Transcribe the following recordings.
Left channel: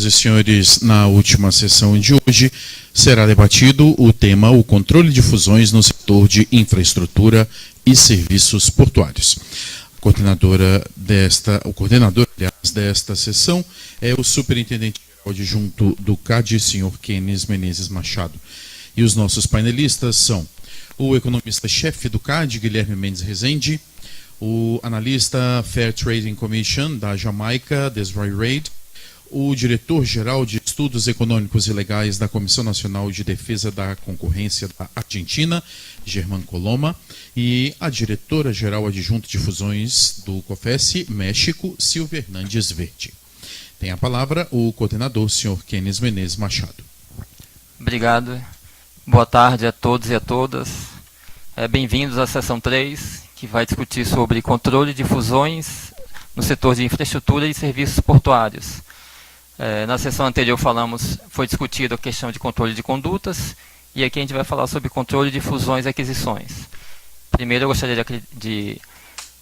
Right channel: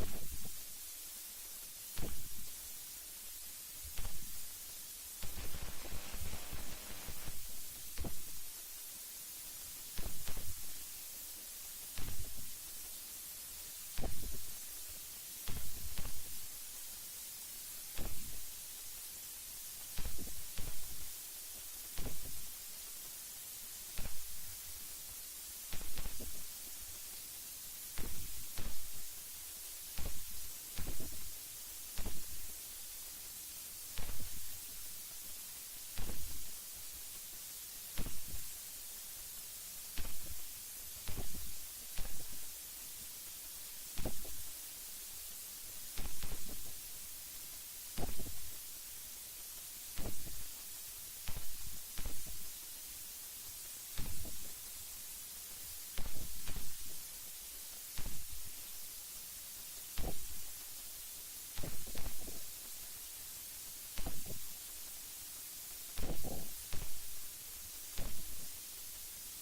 Senhoras e senhores, na última sessão de hoje será debatido o tema o controle de fusões no setor de infraestrutura e serviços portuários. O coordenador, aliás, desta sessão é o superintendente adjunto do CAD, senhor Kenis Menezes Machado. E os nossos painelistas são o economista-chefe do CAD, Guilherme Mendes Rezende, o analista Fair Trading Commission da Jamaica, Desroy Reid, o diretor-geral de Estudos Econômicos e Legais da Comissão Nacional de Defesa da Concorrência da Argentina, Germán Coloma, e a diretora-geral adjunta de fusões do COFES, México, Silvia Hernandes Verde. Tem a palavra o coordenador, senhor Kenis Menezes Machado. Obrigado. Boa tarde a todos e a todas. Bem-vindos à sessão 3, que vai discutir sobre controle de fusões no setor de infraestrutura e serviços portuários. Na sessão anterior foi discutida a questão de controle de condutas, e aqui a gente vai falar sobre controle de fusões e aquisições. Primeiro eu gostaria de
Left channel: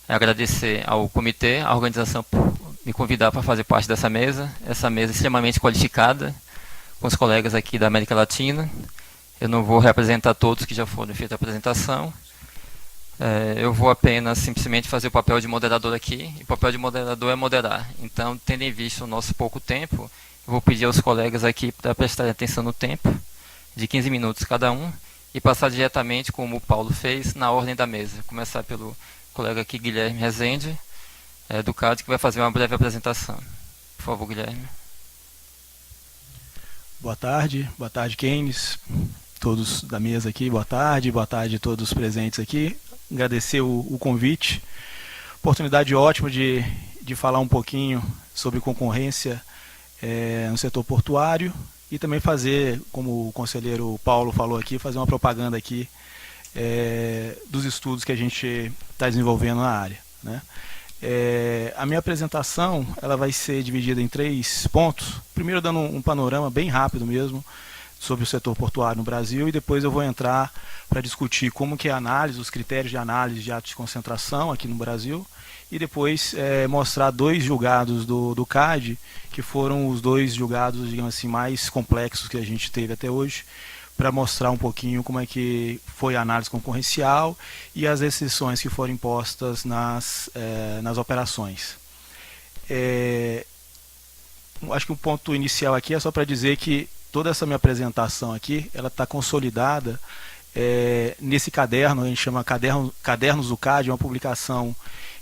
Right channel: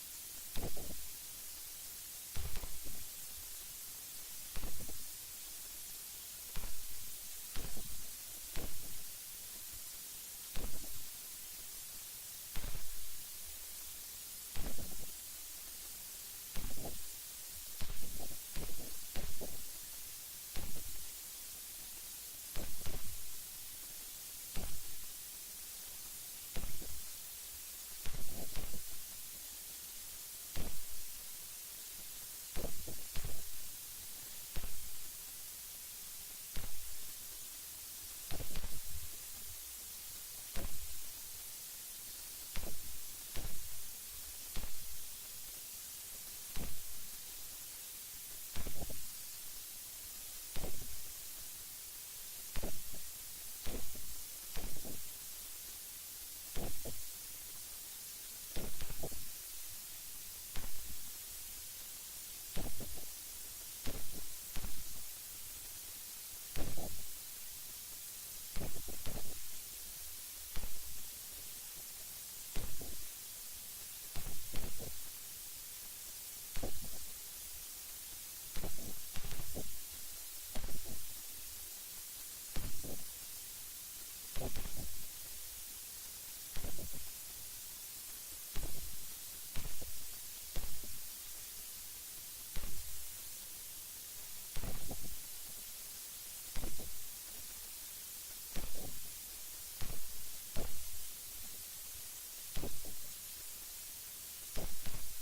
agradecer ao comitê, à organização, por me convidar para fazer parte dessa mesa. Essa mesa é extremamente qualificada, com os colegas aqui da América Latina. Eu não vou representar todos que já foram feitas a apresentação. Eu vou apenas simplesmente fazer o papel de moderador aqui, e o papel de moderador é moderar. Então, tendo em vista o nosso pouco tempo, eu vou pedir aos colegas aqui para prestarem atenção no tempo, de 15 minutos cada um, e passar diretamente, como o Paulo fez, na ordem da mesa. Começar pelo colega aqui, Guilherme Rezende, do CAD, que vai fazer uma breve apresentação. Por favor, Guilherme. Boa tarde Kenis, todos da mesa aqui, boa tarde a todos presentes aqui. Agradecer o convite, oportunidade ótima de falar um pouquinho sobre concorrência no setor portuário e também fazer, como o conselheiro Paulo falou aqui, fazer uma propaganda aqui dos estudos que a gente está desenvolvendo na área, né? A minha apresentação ela vai ser dividida em 3 pontos. Primeiro dando um panorama bem rápido mesmo sobre o setor portuário no Brasil, e depois eu vou entrar para discutir como que é a análise, os critérios de análise de atos de concentração aqui no Brasil, e depois mostrar 2 julgados do CAD, que foram os 2 julgados, digamos assim, mais complexos que a gente teve até hoje, para mostrar um pouquinho como é que foi a análise concorrencial e as restrições que foram impostas nas operações. Acho que o ponto inicial aqui é só para dizer que toda essa minha apresentação aqui, ela está consolidada nesse caderno, a gente chama Cadernos do CAD, é uma publicação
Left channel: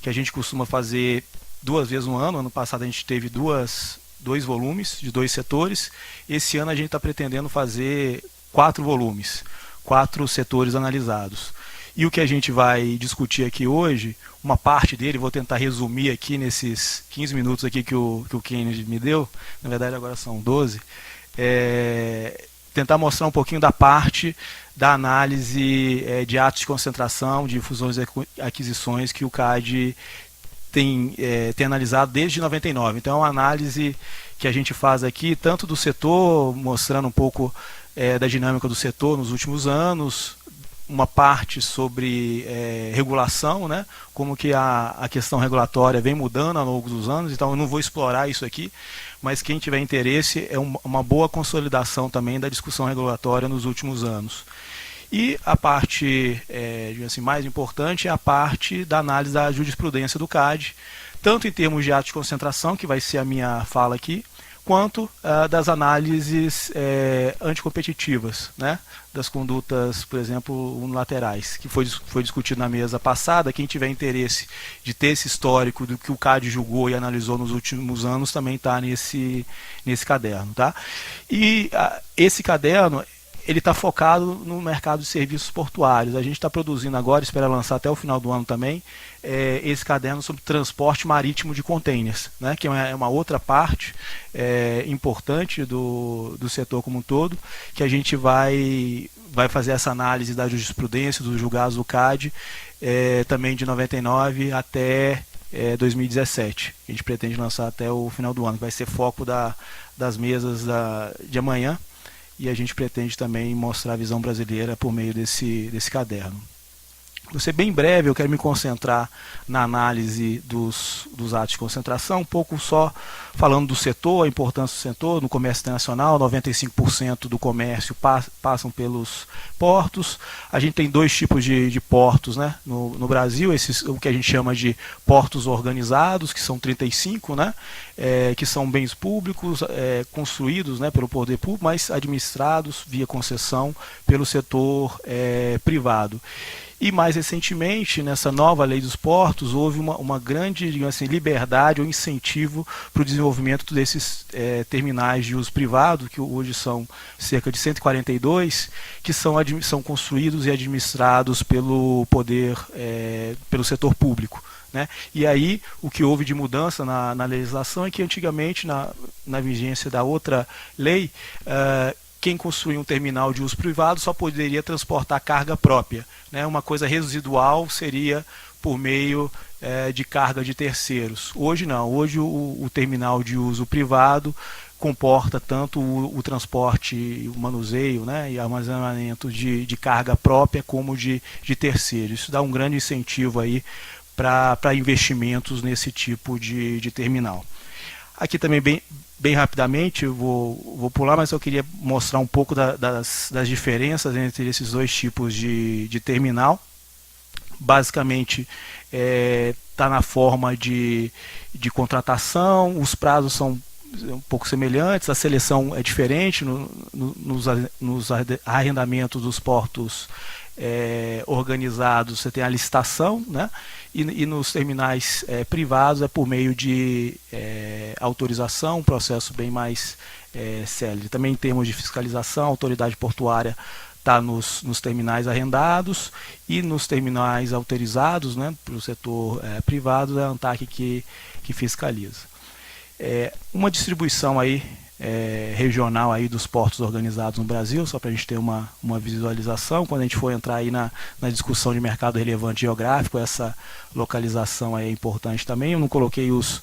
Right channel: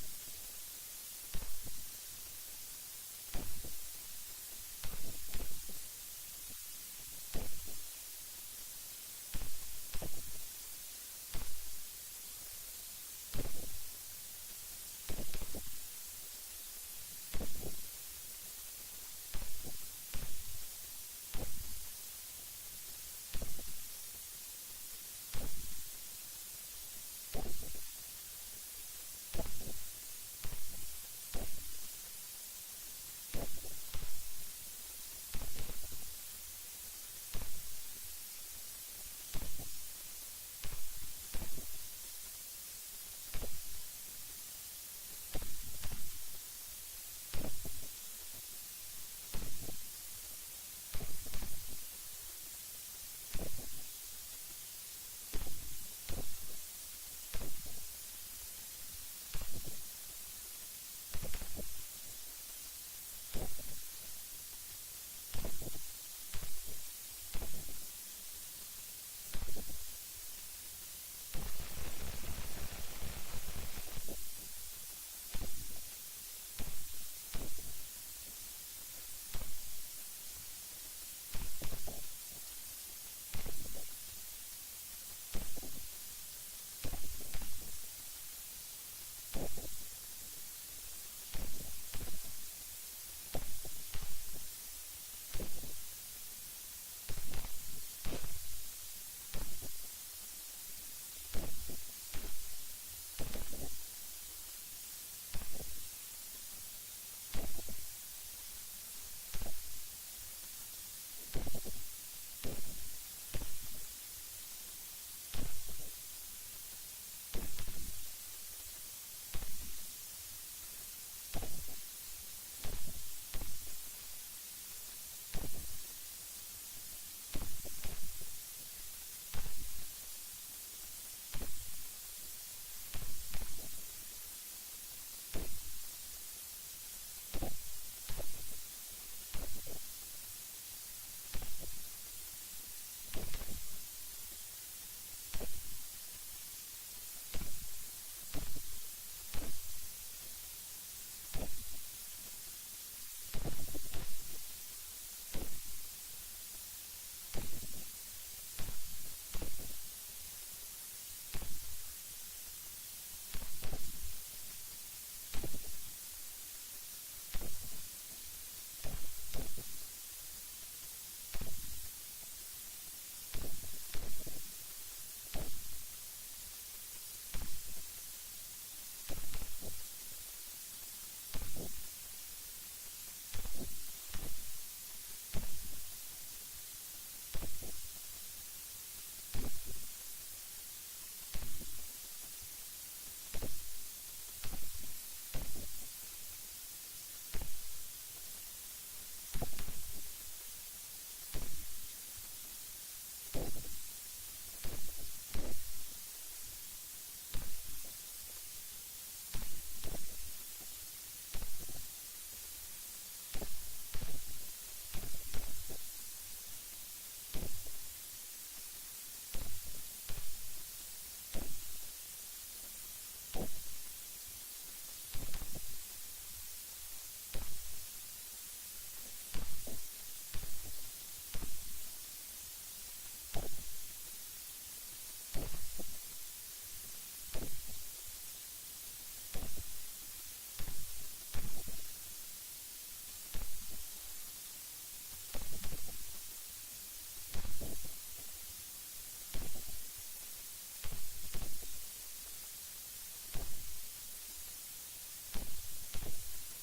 que a gente costuma fazer 2 vezes no ano. Ano passado a gente teve 2 volumes de 2 setores, esse ano a gente está pretendendo fazer 4 volumes, 4 setores analisados. E o que a gente vai discutir aqui hoje, uma parte dele, vou tentar resumir aqui nesses 15 minutos aqui que o Kennedy me deu, na verdade agora são 12, tentar mostrar um pouquinho da parte da análise de atos de concentração, de fusões e aquisições que o CAD tem analisado desde 99. Então é uma análise que a gente faz aqui, tanto do setor, mostrando um pouco da dinâmica do setor nos últimos anos, uma parte sobre regulação, né? Como que a questão regulatória vem mudando ao longo dos anos. Então eu não vou explorar isso aqui, mas quem tiver interesse é uma boa consolidação também da discussão regulatória nos últimos anos. E a parte assim, mais importante é a parte da análise da jurisprudência do CAD, tanto em termos de atos de concentração, que vai ser a minha fala aqui, quanto das análises anticompetitivas, né? Das condutas, por exemplo, unilaterais, que foi discutido na mesa passada. Quem tiver interesse de ter esse histórico do que o CAD julgou e analisou nos últimos anos também está nesse caderno, tá? E esse caderno ele está focado no mercado de serviços portuários. A gente está produzindo agora, espera lançar até o final do ano também, esse caderno sobre transporte marítimo de containers, né, que é uma outra parte importante do setor como um todo, que a gente vai fazer essa análise da jurisprudência, dos julgados do CAD, também de 99 até 2017. A gente pretende lançar até o final do ano, vai ser foco das mesas de amanhã, e a gente pretende também mostrar a visão brasileira por meio desse caderno. Vou ser bem breve, eu quero me concentrar na análise dos atos de concentração, um pouco só falando do setor, a importância do setor. No comércio internacional, 95% do comércio passam pelos portos. A gente tem dois tipos de portos, né, no Brasil, o que a gente chama de portos organizados, que são 35, né, que são bens públicos construídos, né, pelo poder público, mas administrados via concessão pelo setor privado. E mais recentemente, nessa nova lei dos portos, houve uma grande, digamos assim, liberdade ou incentivo para o desenvolvimento desses terminais de uso privado, que hoje são cerca de 142, que são construídos e administrados pelo poder, pelo setor público, né? E aí o que houve de mudança na legislação é que antigamente, na vigência da outra lei, quem construía um terminal de uso privado só poderia transportar carga própria, né? Uma coisa residual seria por meio de carga de terceiros. Hoje não, hoje o terminal de uso privado comporta tanto o transporte, o manuseio, né, e armazenamento de carga própria como de terceiros. Isso dá um grande incentivo aí para investimentos nesse tipo de terminal. Aqui também bem rapidamente, eu vou pular, mas eu queria mostrar um pouco das diferenças entre esses dois tipos de terminal. Basicamente, está na forma de contratação, os prazos são um pouco semelhantes, a seleção é diferente nos arrendamentos dos portos organizados. Você tem a licitação, né? E nos terminais privados é por meio de autorização, um processo bem mais célere. Também em termos de fiscalização, a autoridade portuária está nos terminais arrendados, e nos terminais autorizados, né, para o setor privado, é a ANTAQ que fiscaliza. Uma distribuição aí, regional aí dos portos organizados no Brasil, só para a gente ter uma visualização. Quando a gente for entrar aí na discussão de mercado relevante geográfico, essa localização aí é importante também. Eu não coloquei os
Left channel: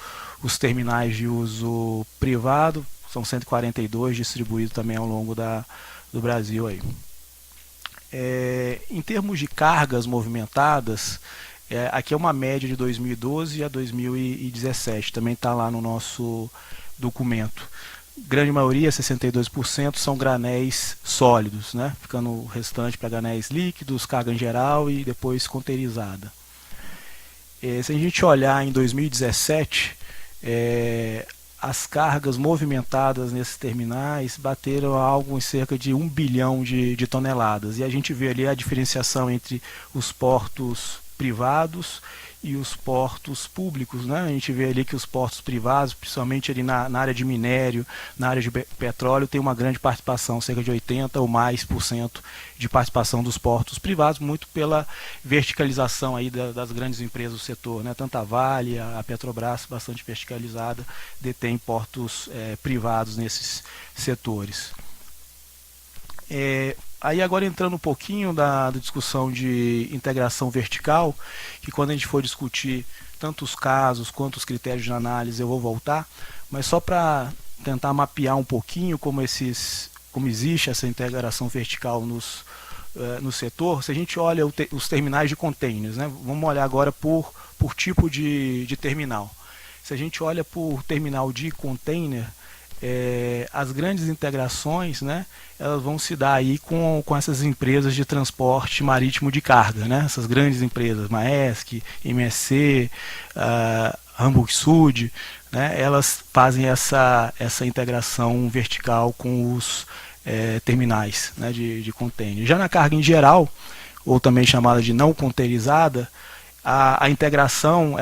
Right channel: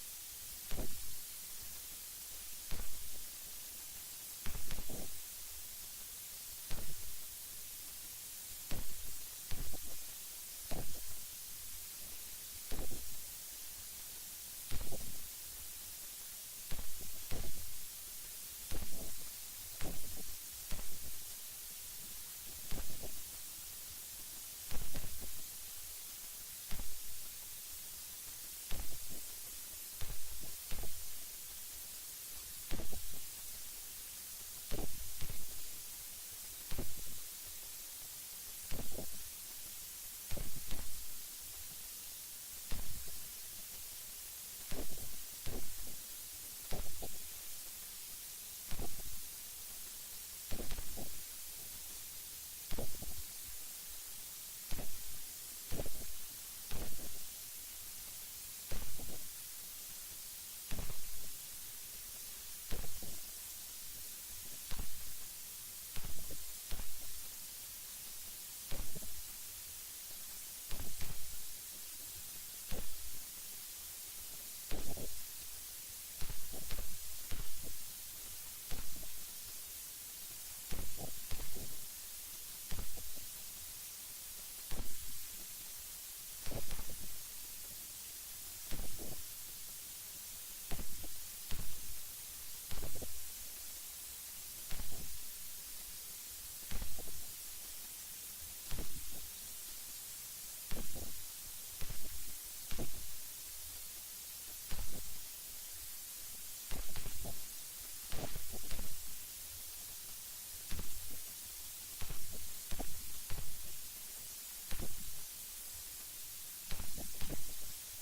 terminais de uso privado, são 142 distribuídos também ao longo do Brasil aí. Em termos de cargas movimentadas, aqui é uma média de 2012 a 2017, também está lá no nosso documento. Grande maioria, 62%, são granéis sólidos, né? Ficando o restante para granéis líquidos, carga em geral e depois conteirizada. Se a gente olhar em 2017, as cargas movimentadas nesses terminais bateram algo em cerca de 1 bilhão de toneladas. E a gente vê ali a diferenciação entre os portos privados e os portos públicos, né? A gente vê ali que os portos privados, principalmente ali na área de minério, na área de petróleo, tem uma grande participação, cerca de 80% ou mais de participação dos portos privados, muito pela verticalização aí das grandes empresas do setor, né? Tanto a Vale, a Petrobras, bastante verticalizada, detém portos privados nesses setores. Aí agora entrando um pouquinho da discussão de integração vertical, que quando a gente for discutir tanto os casos quanto os critérios de análise eu vou voltar, mas só para tentar mapear um pouquinho como existe essa integração vertical no setor. Se a gente olha os terminais de containers, né, vamos olhar agora por tipo de terminal. Se a gente olha por terminal de container, as grandes integrações, né, elas vão se dar aí com essas empresas de transporte marítimo de carga, né? Essas grandes empresas, Maersk, MSC, Hamburg Süd, né? Elas fazem essa integração vertical com os terminais, né, de container. Já na carga em geral, ou também chamada de não containerizada, a integração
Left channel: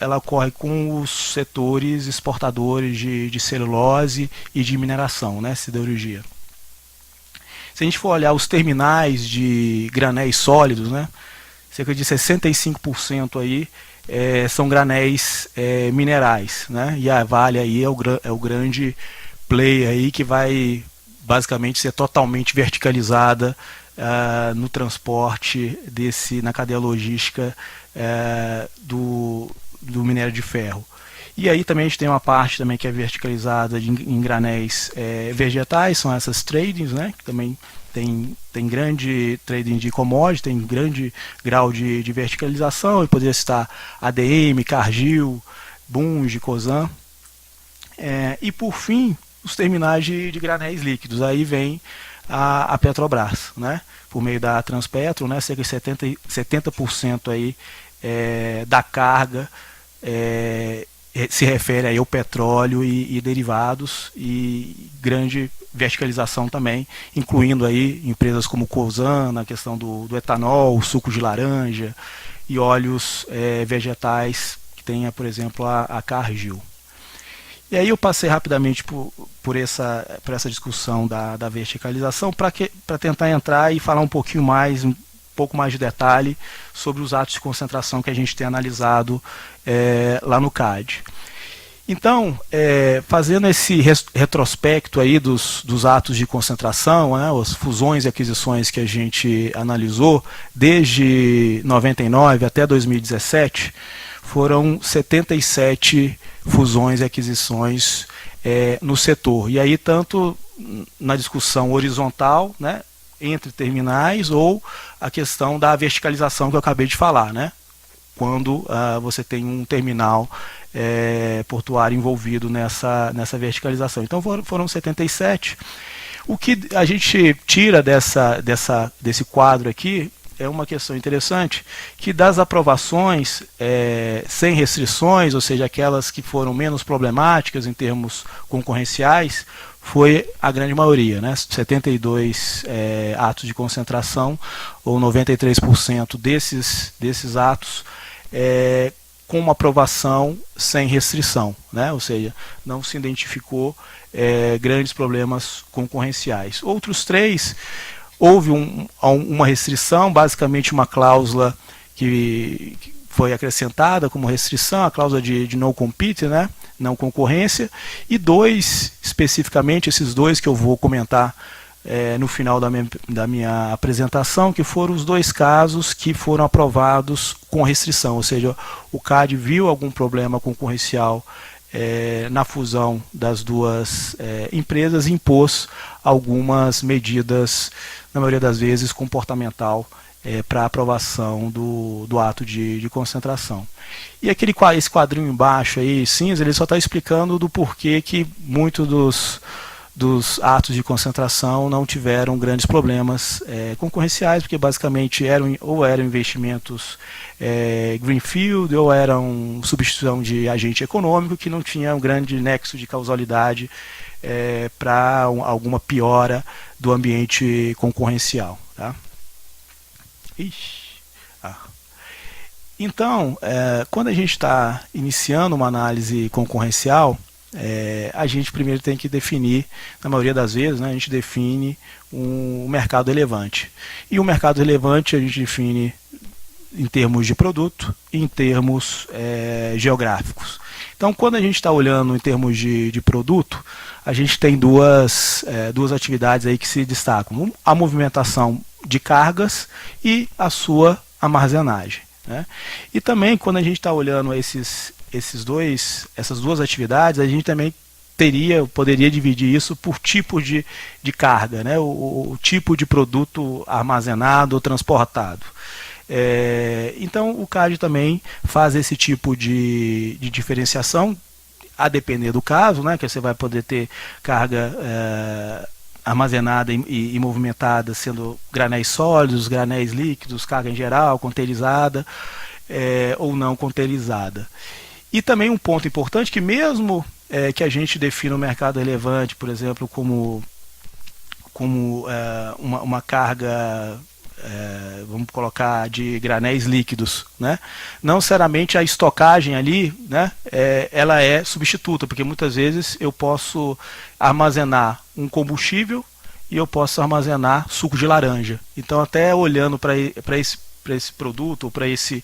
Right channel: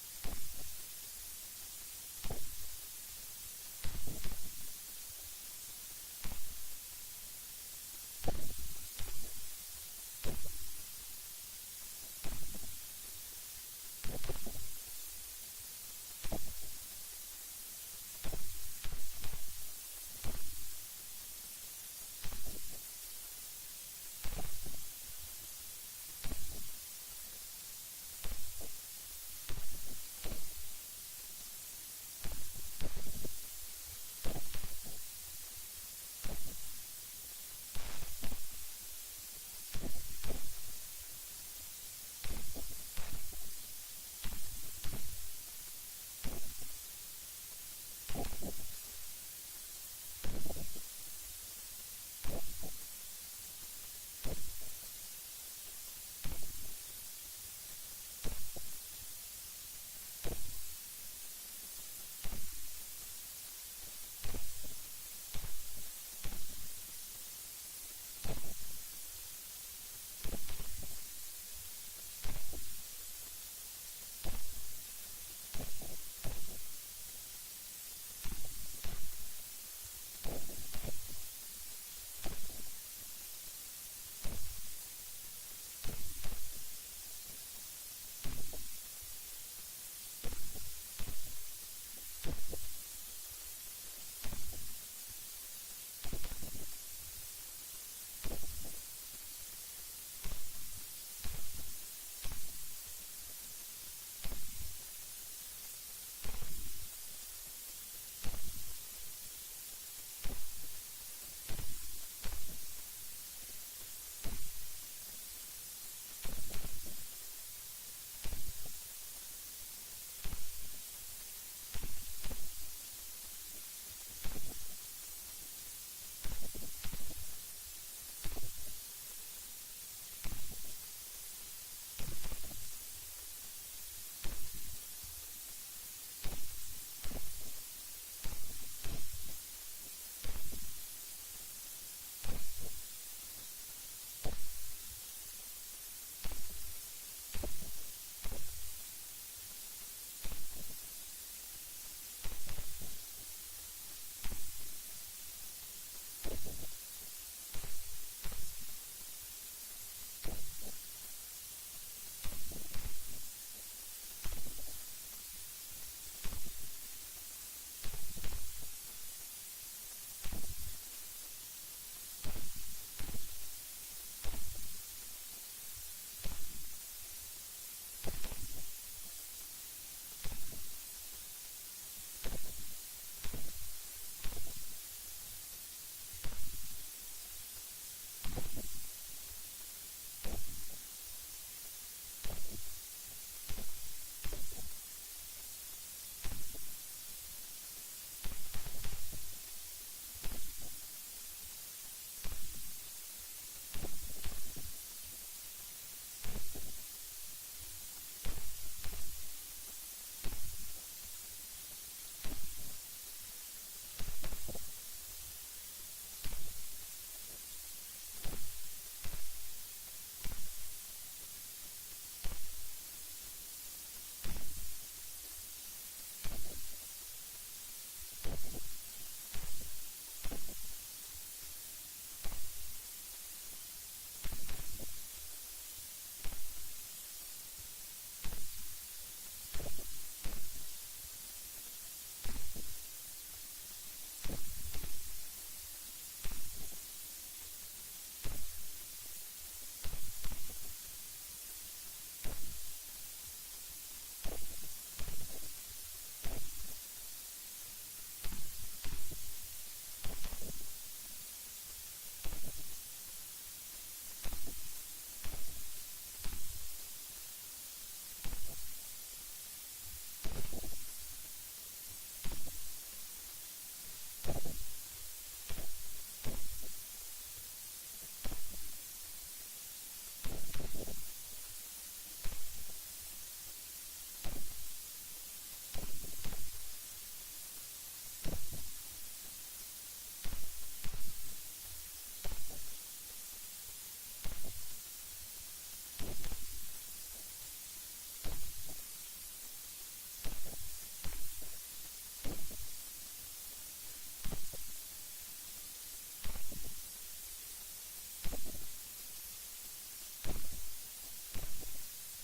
ela ocorre com os setores exportadores de celulose e de mineração, né, siderurgia. Se a gente for olhar os terminais de granéis sólidos, né, cerca de 65% aí são granéis minerais, né, e a Vale aí é o grande player aí que vai basicamente ser totalmente verticalizada no transporte na cadeia logística do minério de ferro. E aí também a gente tem uma parte também que é verticalizada em granéis vegetais, são essas tradings, né? Que também tem grande trading de commodity, tem grande grau de verticalização. Eu poderia citar ADM, Cargill, Bunge, Cosan. E por fim, os terminais de granéis líquidos. Aí vem a Petrobras, né? Por meio da Transpetro, né? Cerca de 70% aí, da carga se refere aí ao petróleo e derivados, e grande verticalização também, incluindo aí empresas como Cosan, na questão do etanol, suco de laranja e óleos vegetais, que tenha, por exemplo, a Cargill. E aí eu passei rapidamente por essa discussão da verticalização para tentar entrar e falar um pouco mais de detalhe sobre os atos de concentração que a gente tem analisado lá no CAD. Então, fazendo esse retrospecto aí dos atos de concentração, né, as fusões e aquisições que a gente analisou desde 99 até 2017, foram 77 fusões e aquisições no setor. E aí, tanto na discussão horizontal, né, entre terminais, ou a questão da verticalização que eu acabei de falar, né, quando você tem um terminal portuário envolvido nessa verticalização. Então foram 77. O que a gente tira desse quadro aqui é uma questão interessante, que das aprovações sem restrições, ou seja, aquelas que foram menos problemáticas em termos concorrenciais, foi a grande maioria, né? 72 atos de concentração, ou 93% desses atos, com uma aprovação sem restrição, né? Ou seja, não se identificou grandes problemas concorrenciais. Outros 3, houve uma restrição, basicamente uma cláusula que foi acrescentada como restrição, a cláusula de no compete, né? Não concorrência, e 2, especificamente, esses 2 que eu vou comentar no final da minha apresentação, que foram os 2 casos que foram aprovados com restrição, ou seja, o CAD viu algum problema concorrencial na fusão das 2 empresas e impôs algumas medidas, na maioria das vezes comportamental, para aprovação do ato de concentração. E esse quadrinho embaixo aí, cinza, ele só está explicando do porquê que muitos dos atos de concentração não tiveram grandes problemas concorrenciais, porque basicamente eram investimentos greenfield, ou eram substituição de agente econômico, que não tinha um grande nexo de causalidade para alguma piora do ambiente concorrencial. Tá? Então, quando a gente está iniciando uma análise concorrencial, a gente primeiro tem que definir, na maioria das vezes, né, a gente define um mercado relevante. E o mercado relevante a gente define em termos de produto e em termos geográficos. Então, quando a gente está olhando em termos de produto, a gente tem duas atividades aí que se destacam: a movimentação de cargas e a sua armazenagem, né? E também, quando a gente está olhando essas 2 atividades, a gente também poderia dividir isso por tipo de carga, né? O tipo de produto armazenado ou transportado. Então o CAD também faz esse tipo de diferenciação, a depender do caso, né? Que você vai poder ter carga armazenada e movimentada sendo granéis sólidos, granéis líquidos, carga em geral, containerizada ou não containerizada. E também um ponto importante, que mesmo que a gente defina o mercado relevante, por exemplo, como uma carga, vamos colocar, de granéis líquidos, né? Não necessariamente a estocagem ali, né, ela é substituta, porque muitas vezes eu posso armazenar um combustível e eu posso armazenar suco de laranja. Então, até olhando para esse produto, ou para esse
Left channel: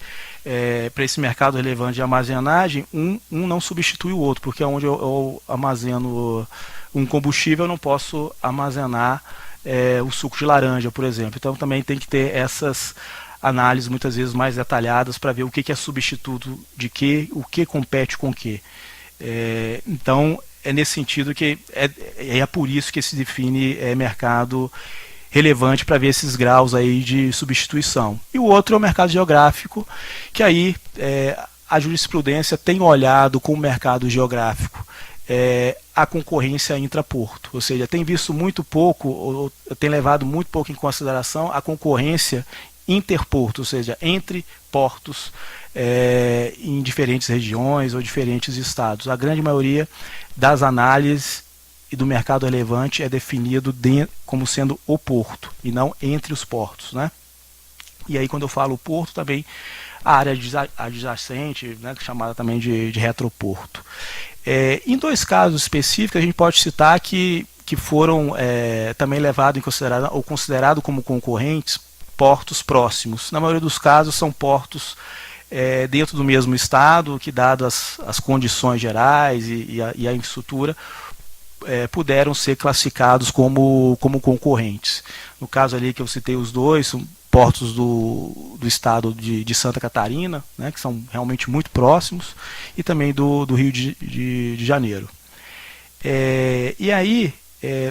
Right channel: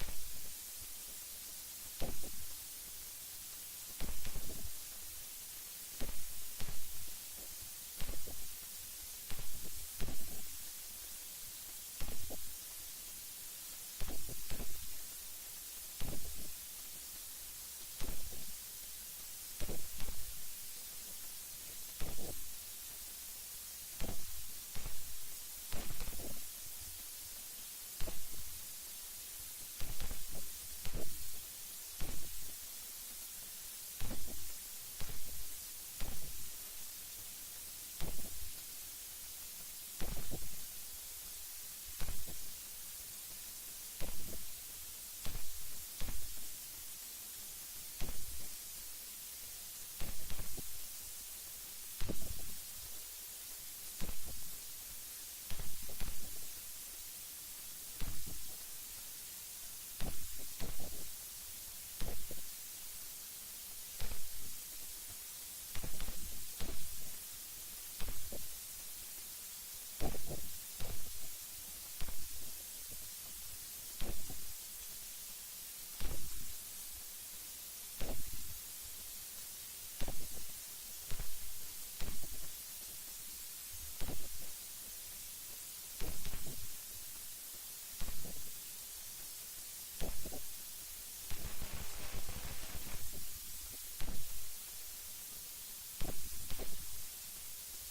mercado relevante de armazenagem, um não substitui o outro, porque onde eu armazeno um combustível, eu não posso armazenar o suco de laranja, por exemplo. Então também tem que ter essas análises muitas vezes mais detalhadas para ver o que é substituto de que, o que compete com o que. Então, é nesse sentido que é por isso que se define mercado relevante, para ver esses graus aí de substituição. E o outro é o mercado geográfico, que aí a jurisprudência tem olhado com o mercado geográfico a concorrência intraporto, ou seja, tem visto muito pouco, ou tem levado muito pouco em consideração a concorrência interporto, ou seja, entre portos em diferentes regiões ou diferentes estados. A grande maioria das análises e do mercado relevante é definido como sendo o porto e não entre os portos, né? E aí, quando eu falo porto, também a área adjacente, né, chamada também de retroporto. Em dois casos específicos, a gente pode citar que foram também levados em consideração ou considerados como concorrentes portos próximos. Na maioria dos casos, são portos dentro do mesmo estado, que, dadas as condições gerais e a infraestrutura, puderam ser classificados como concorrentes. No caso ali que eu citei os dois, são portos do estado de Santa Catarina, né, que são realmente muito próximos, e também do Rio de Janeiro. E aí,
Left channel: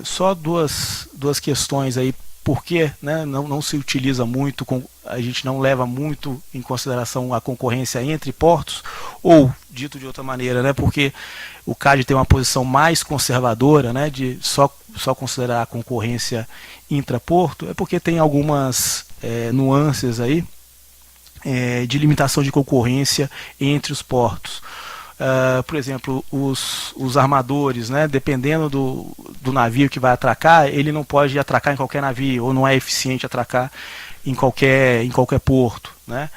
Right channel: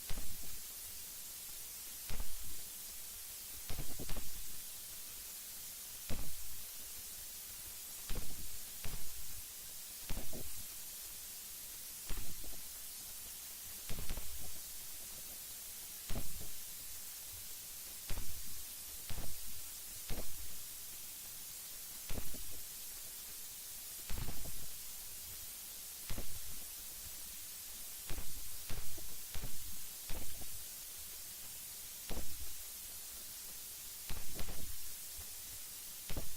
só duas questões aí, porque, né, não se utiliza muito, a gente não leva muito em consideração a concorrência entre portos, ou, dito de outra maneira, né, porque o CAD tem uma posição mais conservadora, né, de só considerar a concorrência intraporto, é porque tem algumas nuances aí de limitação de concorrência entre os portos. Por exemplo, os armadores, né, dependendo do navio que vai atracar, ele não pode atracar em qualquer navio, ou não é eficiente atracar em qualquer porto, né?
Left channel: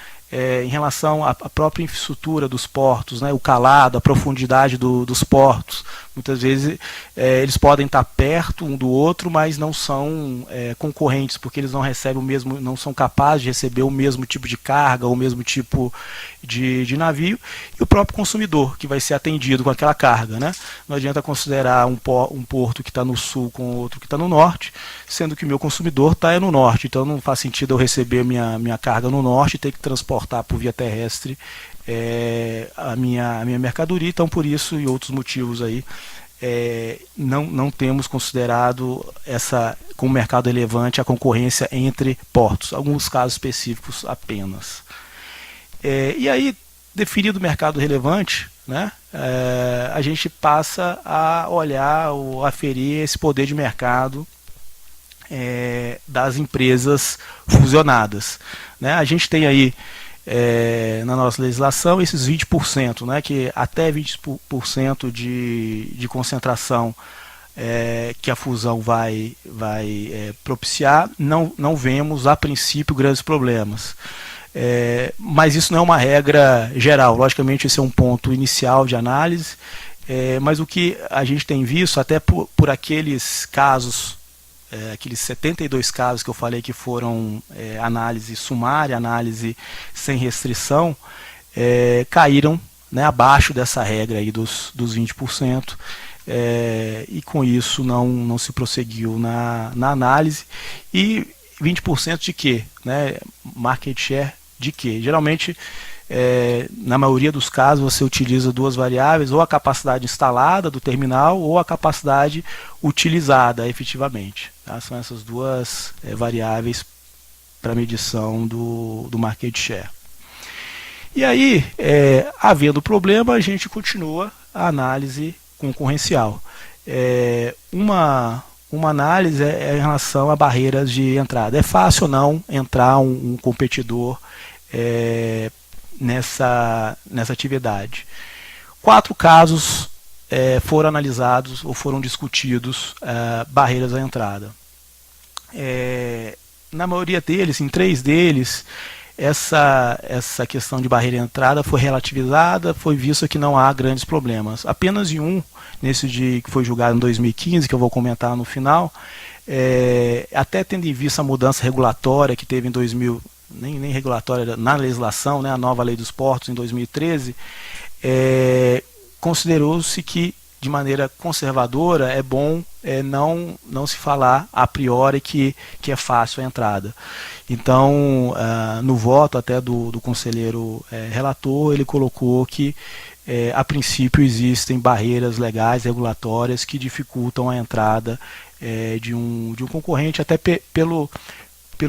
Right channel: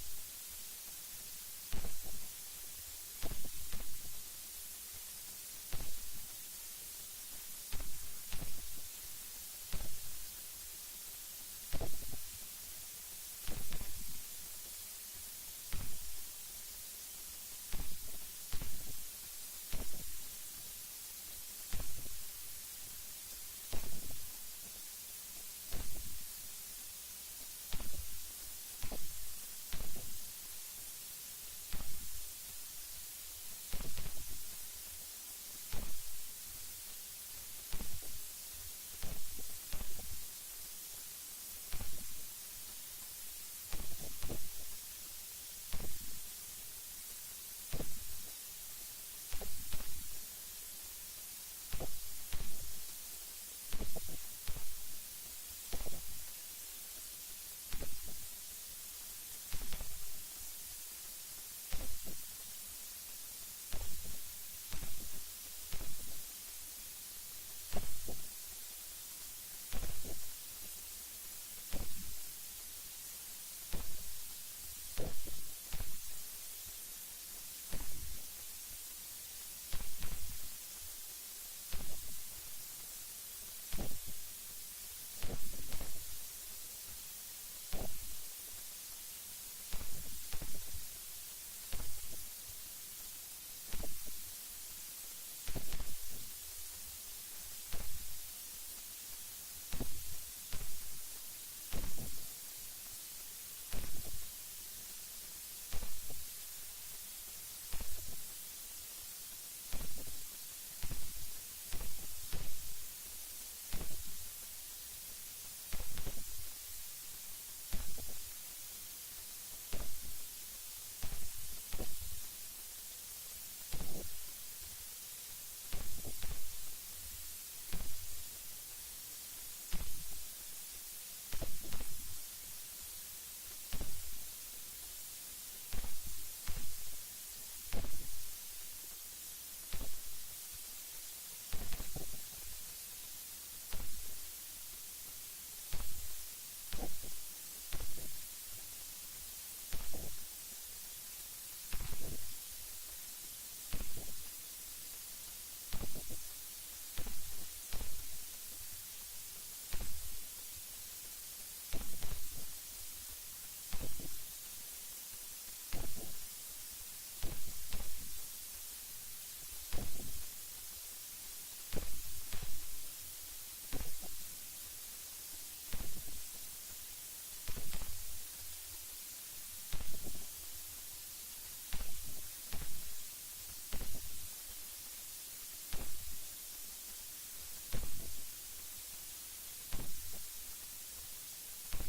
Em relação à própria infraestrutura dos portos, né, o calado, a profundidade dos portos. Muitas vezes eles podem estar perto um do outro, mas não são concorrentes, porque eles não recebem não são capazes de receber o mesmo tipo de carga, ou o mesmo tipo de navio, e o próprio consumidor, que vai ser atendido com aquela carga, né? Não adianta considerar um porto que está no sul com outro que está no norte, sendo que o meu consumidor está no norte, então não faz sentido eu receber minha carga no norte e ter que transportar por via terrestre a minha mercadoria. Então, por isso e outros motivos aí, não temos considerado como mercado relevante a concorrência entre portos, alguns casos específicos apenas. E aí, definido o mercado relevante, né, a gente passa a olhar ou aferir esse poder de mercado das empresas fusionadas, né? A gente tem aí na nossa legislação esses 20%, né, que até 20% de concentração que a fusão vai propiciar, não vemos a princípio grandes problemas. Mas isso não é uma regra geral. Logicamente, esse é um ponto inicial de análise, mas o que a gente tem visto, até por aqueles casos, aqueles 72 casos que eu falei que foram análise sumária, análise sem restrição, caíram, né, abaixo dessa regra aí dos 20%, e com isso não se prosseguiu na análise. E 20% de quê? Né? Market share de quê? Geralmente, na maioria dos casos, você utiliza duas variáveis, ou a capacidade instalada do terminal, ou a capacidade utilizada efetivamente. Tá? São essas duas variáveis para medição do market share. E aí, havendo problema, a gente continua a análise concorrencial. Uma análise em relação a barreiras de entrada. É fácil ou não entrar um competidor nessa atividade. 4 casos foram analisados ou foram discutidos barreiras à entrada. Na maioria deles, em 3 deles, essa questão de barreira à entrada foi relativizada, foi visto que não há grandes problemas. Apenas em um, nesse que foi julgado em 2015, que eu vou comentar no final, até tendo em vista a mudança regulatória que teve em 2000, nem regulatória, na legislação, né, a nova lei dos portos em 2013, considerou-se que, de maneira conservadora, é bom não se falar a priori que é fácil a entrada. Então, no voto até do conselheiro relator, ele colocou que a princípio existem barreiras legais, regulatórias, que dificultam a entrada de um concorrente, até pelo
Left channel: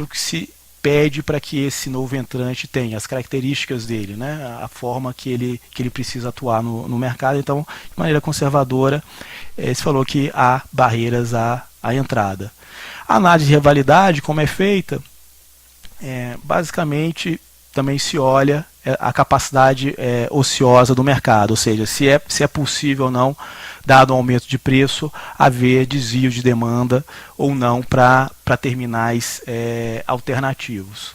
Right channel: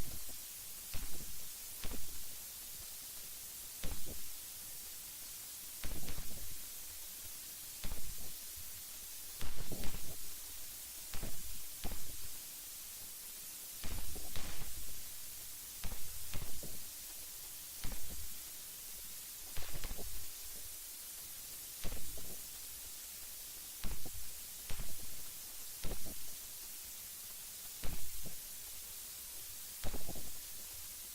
que se pede para que esse novo entrante tenha, as características dele, né? A forma que ele precisa atuar no mercado. Então, de maneira conservadora, se falou que há barreiras à entrada. A análise de rivalidade, como é feita, basicamente também se olha a capacidade ociosa do mercado, ou seja, se é possível ou não, dado o aumento de preço, haver desvio de demanda ou não para terminais alternativos.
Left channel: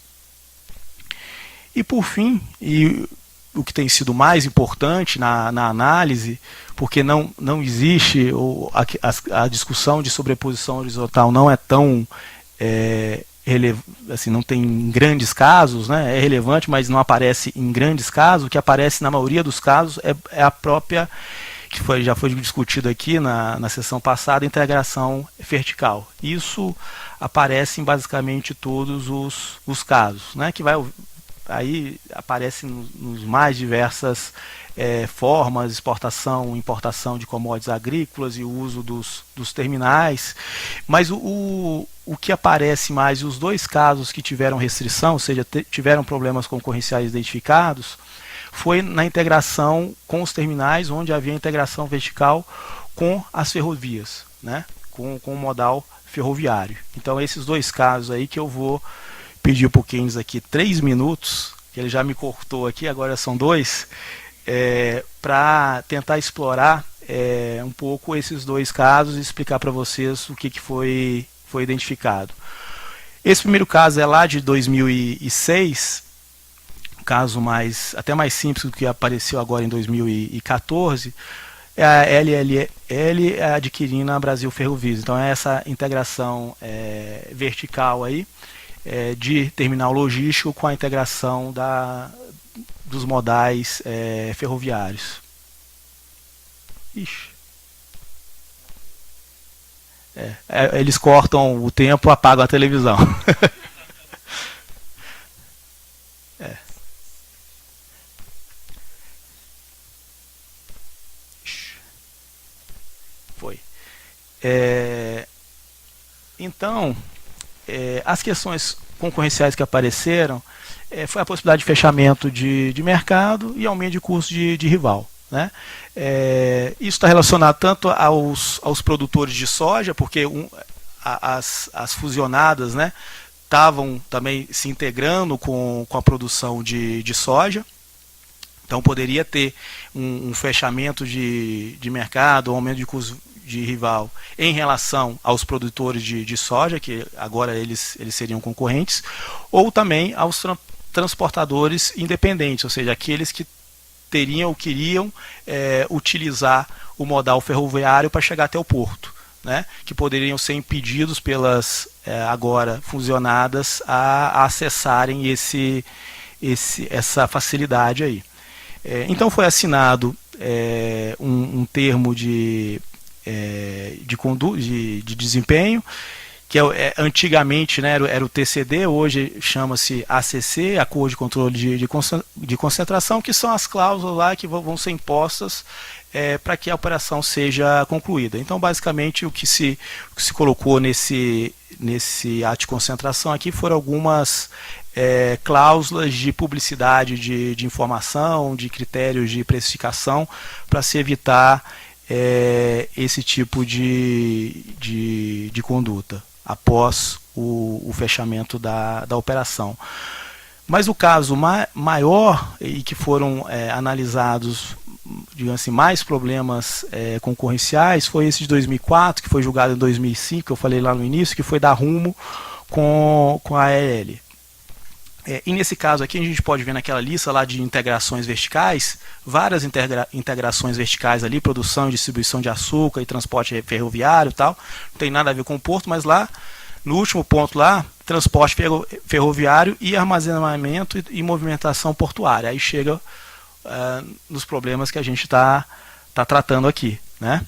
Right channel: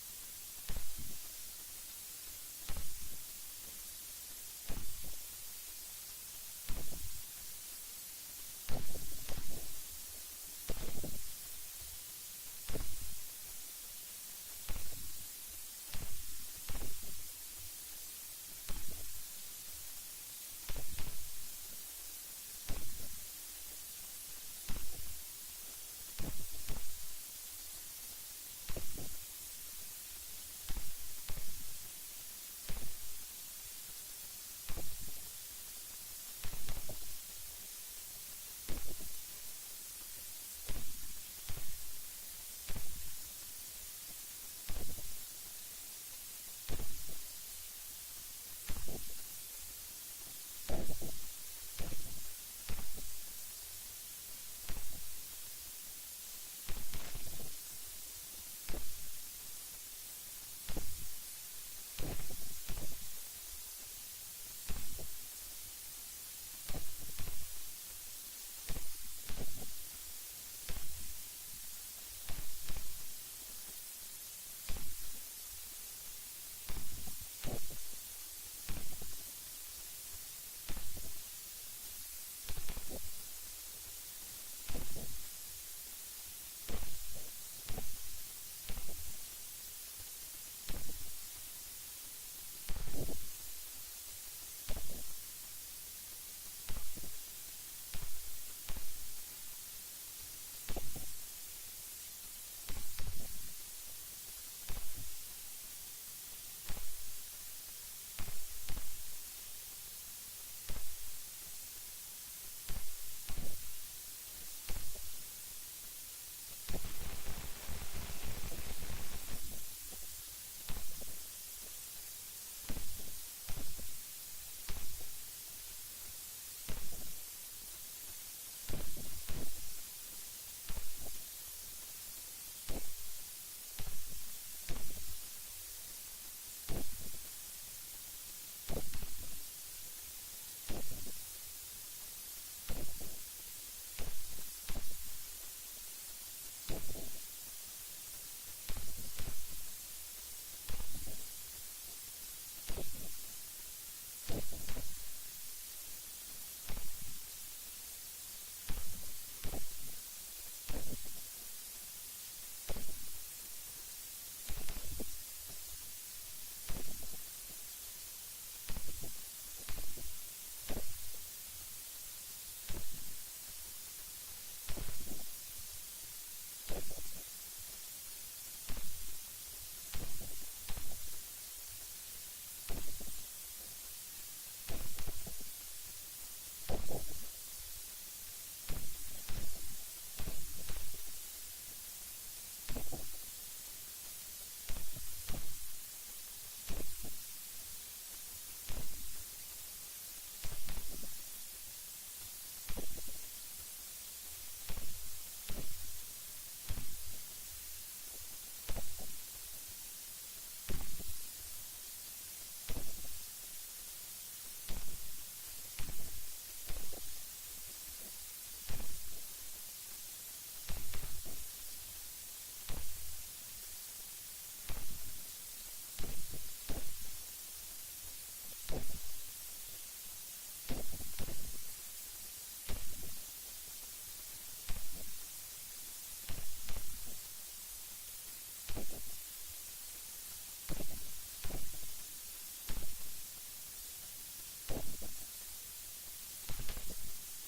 E por fim, e o que tem sido mais importante na análise, porque não existe, a discussão de sobreposição horizontal não é tão assim, não tem grandes casos, né? É relevante, mas não aparece em grandes casos. O que aparece na maioria dos casos é a própria, que já foi discutido aqui na sessão passada, integração vertical. Isso aparece em basicamente todos os casos, né? Que aí aparece nos mais diversas formas, exportação, importação de commodities agrícolas e o uso dos terminais. Mas o que aparece mais, os dois casos que tiveram restrição, ou seja, tiveram problemas concorrenciais identificados, foi na integração com os terminais, onde havia integração vertical com as ferrovias, né? com o modal ferroviário. Então, esses dois casos aí que eu vou pedir para o Keynes aqui 3 minutos, que ele já me cortou aqui, agora são 2, para tentar explorar um pouco esses dois casos e explicar para vocês o que foi identificado. Esse primeiro caso é lá de 2006, um caso até mais simples do que apareceu agora em 2014, é a LLL adquirindo a Brasil Ferrovias. Então é essa integração vertical aí, de terminal logístico com a integração dos modais ferroviários. Ixi. Eles cortam o tempo, apagam a televisão. Foi. Então, as questões concorrenciais que apareceram foi a possibilidade de fechamento de mercado e aumento de custo de rival, né? Isso está relacionado tanto aos produtores de soja, porque as fusionadas, né, estavam também se integrando com a produção de soja. Então poderia ter um fechamento de mercado, um aumento de custo de rival em relação aos produtores de soja, que agora eles seriam concorrentes, ou também aos transportadores independentes, ou seja, aqueles que queriam utilizar o modal ferroviário para chegar até o porto, né? Que poderiam ser impedidos pelas agora fusionadas a acessarem essa facilidade aí. Então foi assinado um termo de desempenho, que antigamente, né, era o TCD, hoje chama-se ACC, Acordo de Controle de Concentração, que são as cláusulas lá que vão ser impostas para que a operação seja concluída. Então, basicamente, o que se colocou nesse ato de concentração aqui foram algumas cláusulas de publicidade de informação, de critérios de precificação, para se evitar esse tipo de conduta após o fechamento da operação. Mas o caso maior, e que foram analisados, digamos assim, mais problemas concorrenciais, foi esse de 2004, que foi julgado em 2005, que eu falei lá no início, que foi da Rumo com a ALL. E nesse caso aqui a gente pode ver naquela lista lá de integrações verticais, várias integrações verticais ali, produção e distribuição de açúcar e transporte ferroviário e tal, não tem nada a ver com o porto, mas lá, no último ponto lá, transporte ferroviário e armazenamento e movimentação portuária. Aí chega nos problemas que a gente está tratando aqui, né?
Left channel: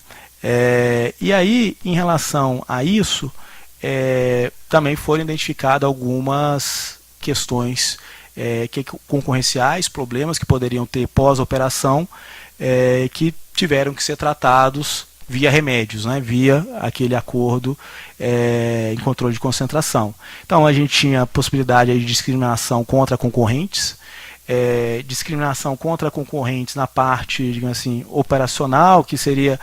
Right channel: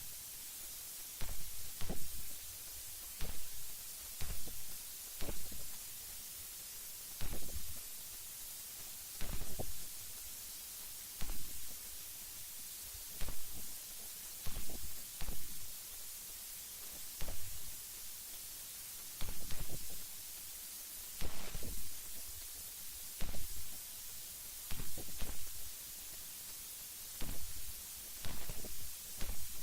E aí, em relação a isso, também foram identificadas algumas questões concorrenciais, problemas que poderiam ter pós-operação, que tiveram que ser tratados via remédios, né, via aquele acordo em controle de concentração. Então a gente tinha a possibilidade de discriminação contra concorrentes, discriminação contra concorrentes na parte, digamos assim, operacional, que seria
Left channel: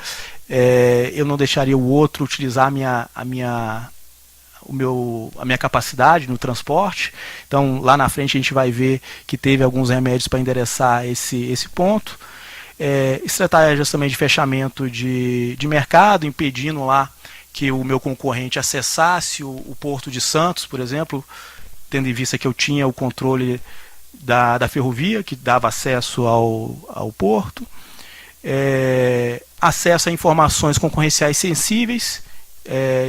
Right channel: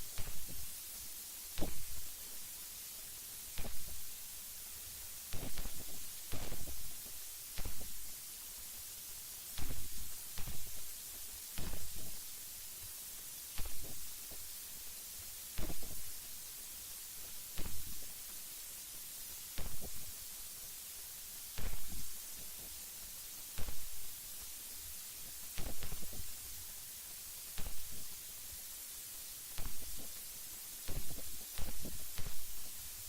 eu não deixaria o outro utilizar a minha capacidade no transporte. Então lá na frente a gente vai ver que teve alguns remédios para endereçar esse ponto. Estratégias também de fechamento de mercado, impedindo lá que o meu concorrente acessasse o Porto de Santos, por exemplo, tendo em vista que eu tinha o controle da ferrovia, que dava acesso ao porto, acesso a informações concorrenciais sensíveis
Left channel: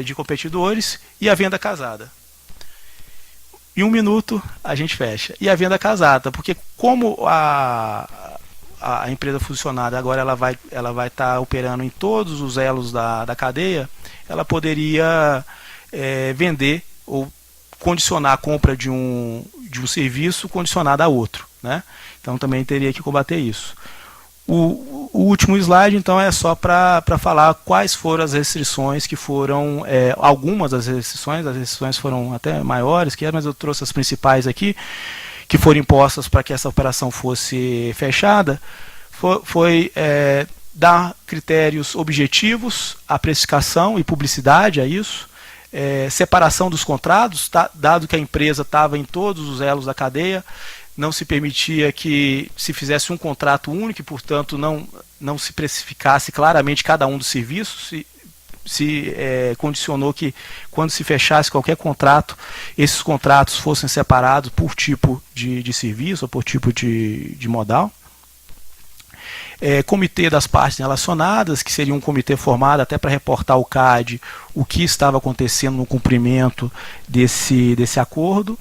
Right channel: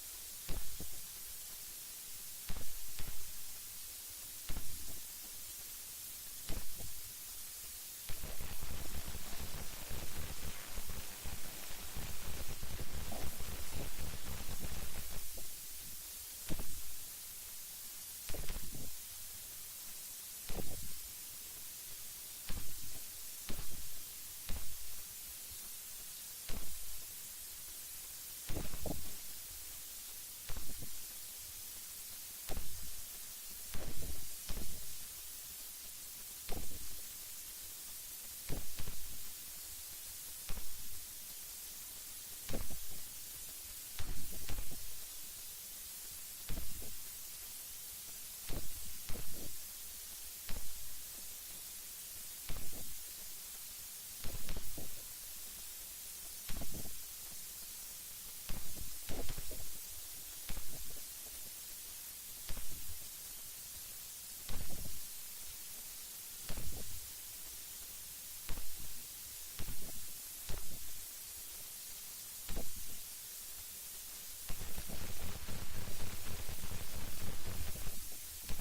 de competidores e a venda casada. Em 1 minuto a gente fecha. E a venda casada, porque como a empresa funcionária agora ela vai estar operando em todos os elos da cadeia, ela poderia vender ou condicionar a compra de um serviço condicionado a outro, né? Então também teria que combater isso. O último slide, então, é só para falar quais foram as restrições que foram, algumas das restrições, as restrições foram até maiores, mas eu trouxe as principais aqui, que foram impostas para que essa operação fosse fechada, foi dar critérios objetivos à precificação e publicidade a isso, separação dos contratos, dado que a empresa estava em todos os elos da cadeia, não se permitia que se fizesse um contrato único e, portanto, não se precificasse claramente cada um dos serviços, se condicionou que, quando se fechasse qualquer contrato, esses contratos fossem separados por tipo de serviço ou por tipo de modal. Comitê das partes relacionadas, que seria um comitê formado até para reportar ao CAD o que estava acontecendo no cumprimento desse acordo,